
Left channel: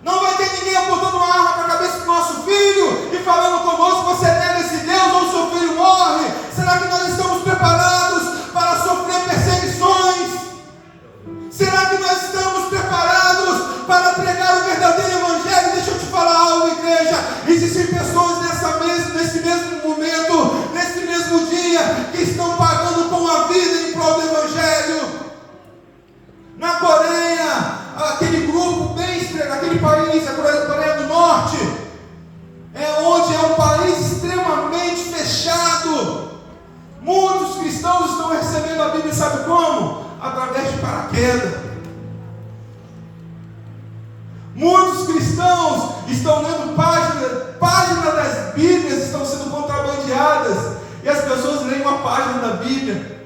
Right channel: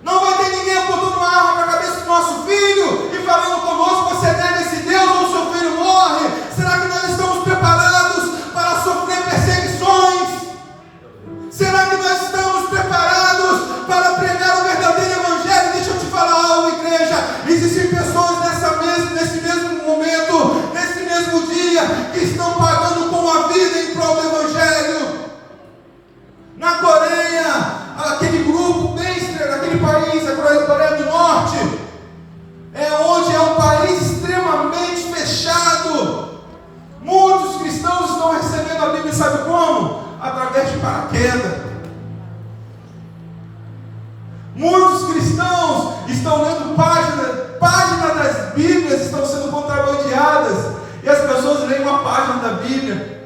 Não vai ter ninguém apontando uma arma para a cabeça do nosso filho e falando conosco: você nega esse Deus ou seu filho morre. Será que nós estamos preparados para sofrer perseguições? Será que nós estamos preparados para pregar o verdadeiro Evangelho? Deixa eu te falar algo, igreja. Existem pessoas nesse mesmo momento, nesse mesmo dia, que estão pagando com a vida em prol do Evangelho. Na Coreia, aquele grupo aquele país, a Coreia do Norte, onde é um país extremamente fechado. Muitos cristãos estão recebendo a Bíblia, sabe como? Através de paraquedas. Muitos cristãos estão lendo páginas das Bíblias, estão sendo contrabandeadas, e as pessoas leem uma página da Bíblia.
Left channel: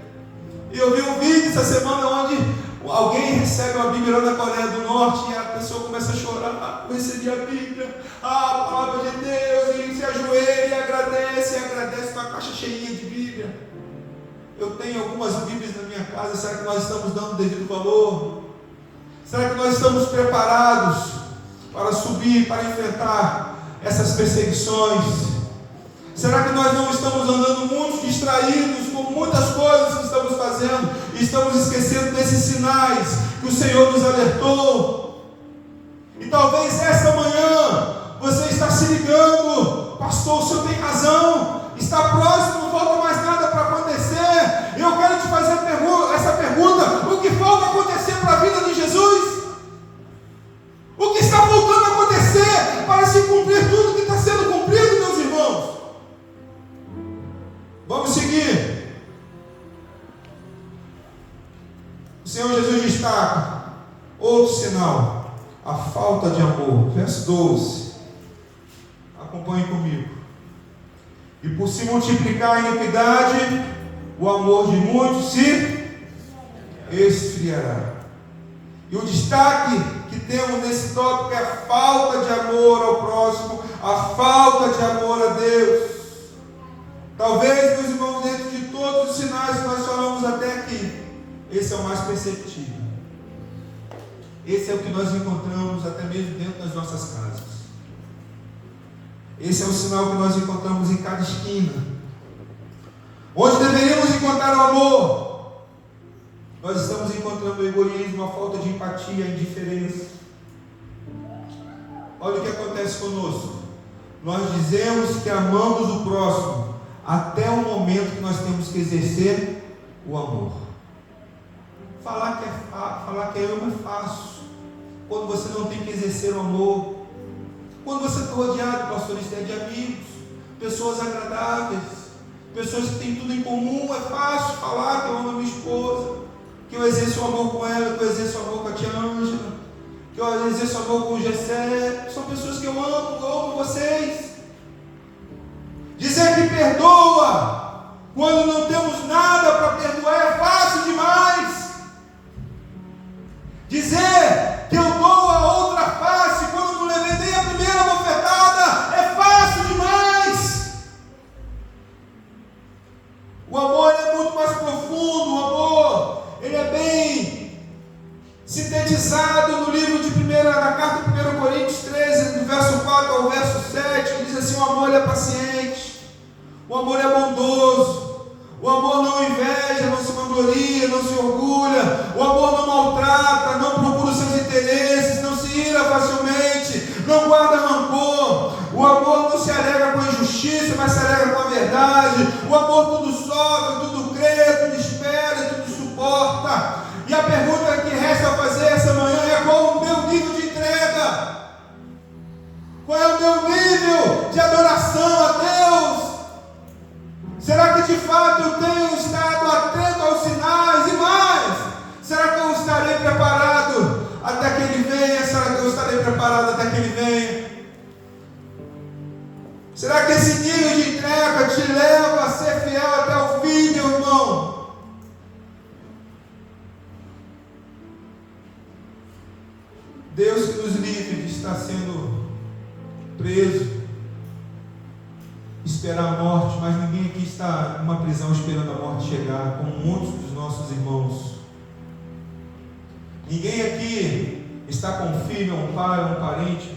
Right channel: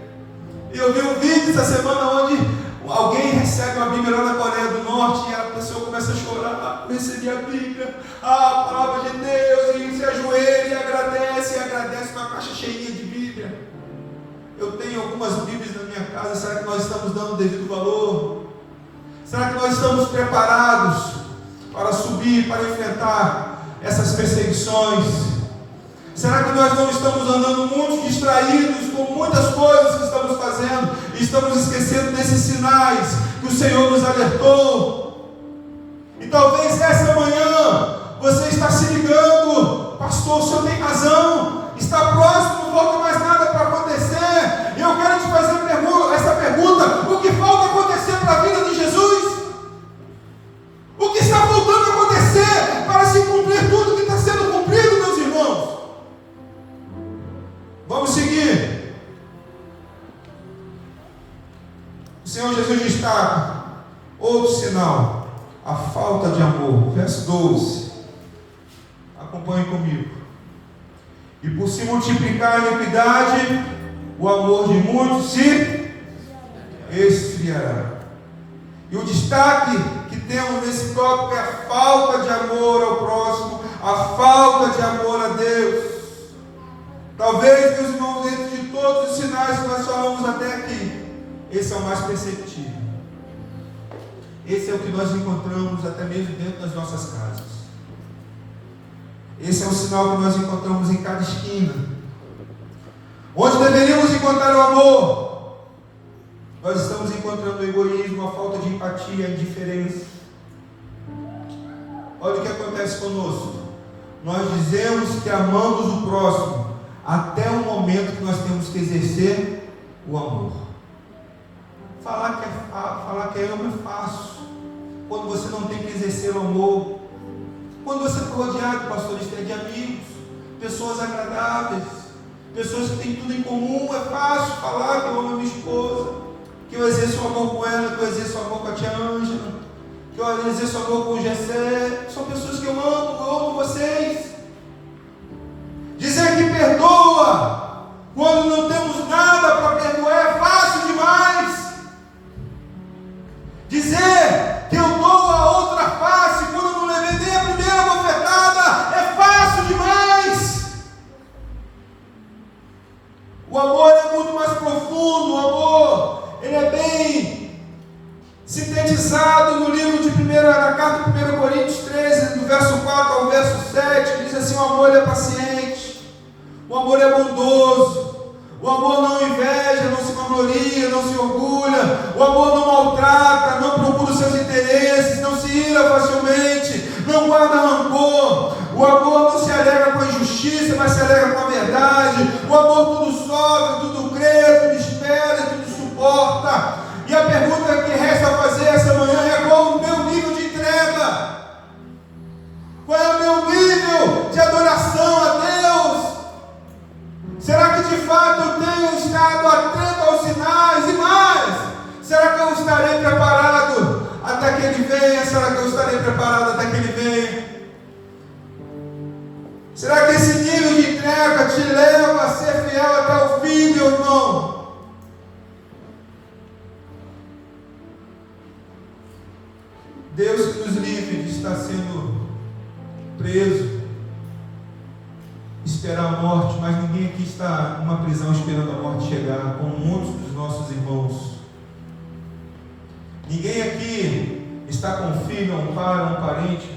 Eu vi um vídeo essa semana onde alguém recebe uma Bíblia lá na Coreia do Norte e a pessoa começa a chorar: eu recebi a Bíblia, a palavra de Deus, e se ajoelha e agradece com a caixa cheia de Bíblia. Eu tenho algumas Bíblias na minha casa. Será que nós estamos dando o devido valor? Será que nós estamos preparados para subir, para enfrentar essas perseguições? Será que nós não estamos andando muito distraídos com muitas coisas que estamos fazendo e estamos esquecendo desses sinais que o Senhor nos alertou? E talvez essa manhã você está se ligando: pastor, o senhor tem razão, está próximo, não falta mais nada para acontecer. Eu quero te fazer essa pergunta: o que falta acontecer para a vida de Jesus? O que está faltando acontecer para se cumprir tudo que está sendo cumprido, meus irmãos? Vamos seguir. O Senhor Jesus destaca outro sinal: a falta de amor. Verso 12. Acompanhe comigo. E por se multiplicar a iniquidade, o amor de muitos se esfriará. E o destaque que temos nesse tópico é a falta de amor ao próximo, a falta de amor a Deus. Talvez, meus irmãos, dentro de todos os sinais que nós falamos até aqui, esse é o mais perceptível. Esse é o que nós encontramos até mesmo dentro das nossas casas. Esse é o sinal que nós encontramos em cada esquina. Onde deveríamos encontrar o amor, nós estamos encontrando o egoísmo, a falta de empatia, a indiferença. Olha o que acontece conosco. Nós dizemos que amamos o próximo até o momento que nós temos que exercer o amor. Falar que amo é fácil. Quando você não tem que exercer o amor, quando você for rodeado, pastor, de amigos, pessoas agradáveis, pessoas que têm tudo em comum, é fácil falar que eu amo a minha esposa, que eu exerço o amor com ela, que eu exerço o amor com a tia Ângela, que eu exerço o amor com o Gessé. São pessoas que eu amo vocês. Dizer que perdoa quando não temos nada para perdoar é fácil demais. Dizer que eu dou a outra face quando não levei nem a primeira bofetada é fácil demais. O amor é muito mais profundo. O amor, ele é bem sintetizado no livro na carta de 1 Coríntios 13, do verso 4 ao verso 7, que diz assim: o amor é paciente, o amor é bondoso, o amor não inveja, não se vangloria, não se orgulha, o amor não maltrata, não procura os seus interesses, não se ira facilmente, não guarda rancor, o amor não se alegra com a injustiça, mas se alegra com a verdade, o amor tudo sofre, tudo crê, tudo espera, tudo suporta. E a pergunta que resta a fazer essa manhã é: qual o meu nível de entrega? Qual é o meu nível de adoração a Deus? Será que de fato eu tenho estado atento aos sinais? E mais, será que eu estarei preparado até que Ele venha? Será que eu estarei preparado até que Ele venha? Será que esse nível de entrega te leva a ser fiel até o fim, meu irmão? Deus que nos livre de estar sendo preso, esperar a morte, mas ninguém aqui está numa prisão esperando a morte chegar, como muitos dos nossos irmãos. Ninguém aqui está com um filho, um pai, um parente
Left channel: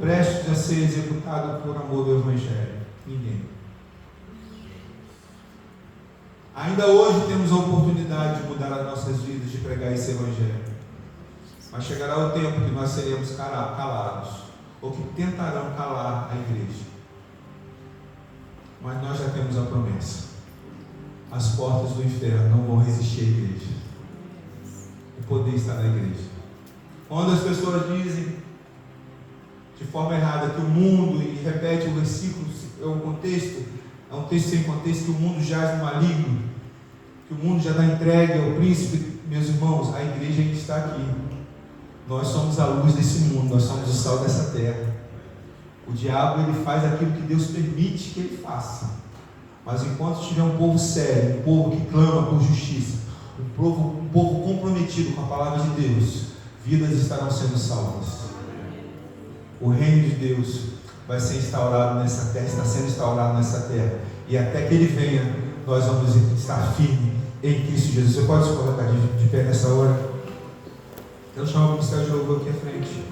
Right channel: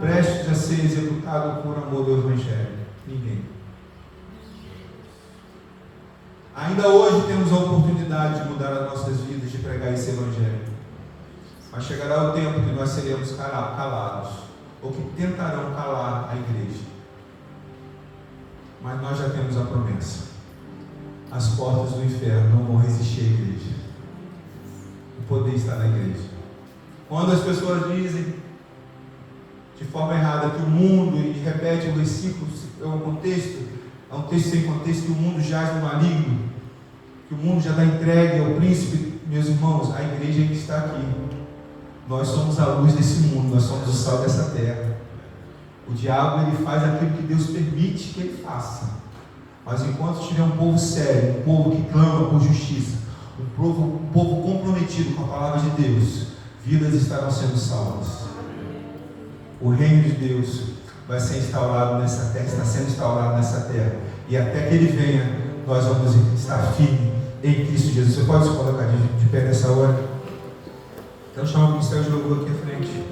prestes a ser executado por amor do Evangelho. Ninguém. Ainda hoje temos a oportunidade de mudar as nossas vidas, de pregar esse Evangelho. Mas chegará o tempo que nós seremos calados, ou que tentarão calar a igreja. Mas nós já temos a promessa: as portas do inferno não vão resistir à igreja. O poder está na igreja. Quando as pessoas dizem de forma errada que o mundo, e repete o versículo, é um texto sem contexto, que o mundo jaz no maligno, que o mundo já está entregue ao príncipe, meus irmãos, a igreja ainda está aqui. Nós somos a luz desse mundo, nós somos o sal dessa terra. O diabo, ele faz aquilo que Deus permite que ele faça. Mas enquanto tiver um povo sério, um povo que clama por justiça, um povo comprometido com a palavra de Deus, vidas estarão sendo salvas. O reino de Deus vai ser instaurado nessa terra, está sendo instaurado nessa terra. E até que Ele venha, nós vamos estar firmes em Cristo Jesus. Você pode se colocar de pé nessa hora? Então chama o ministério de louvor aqui à frente.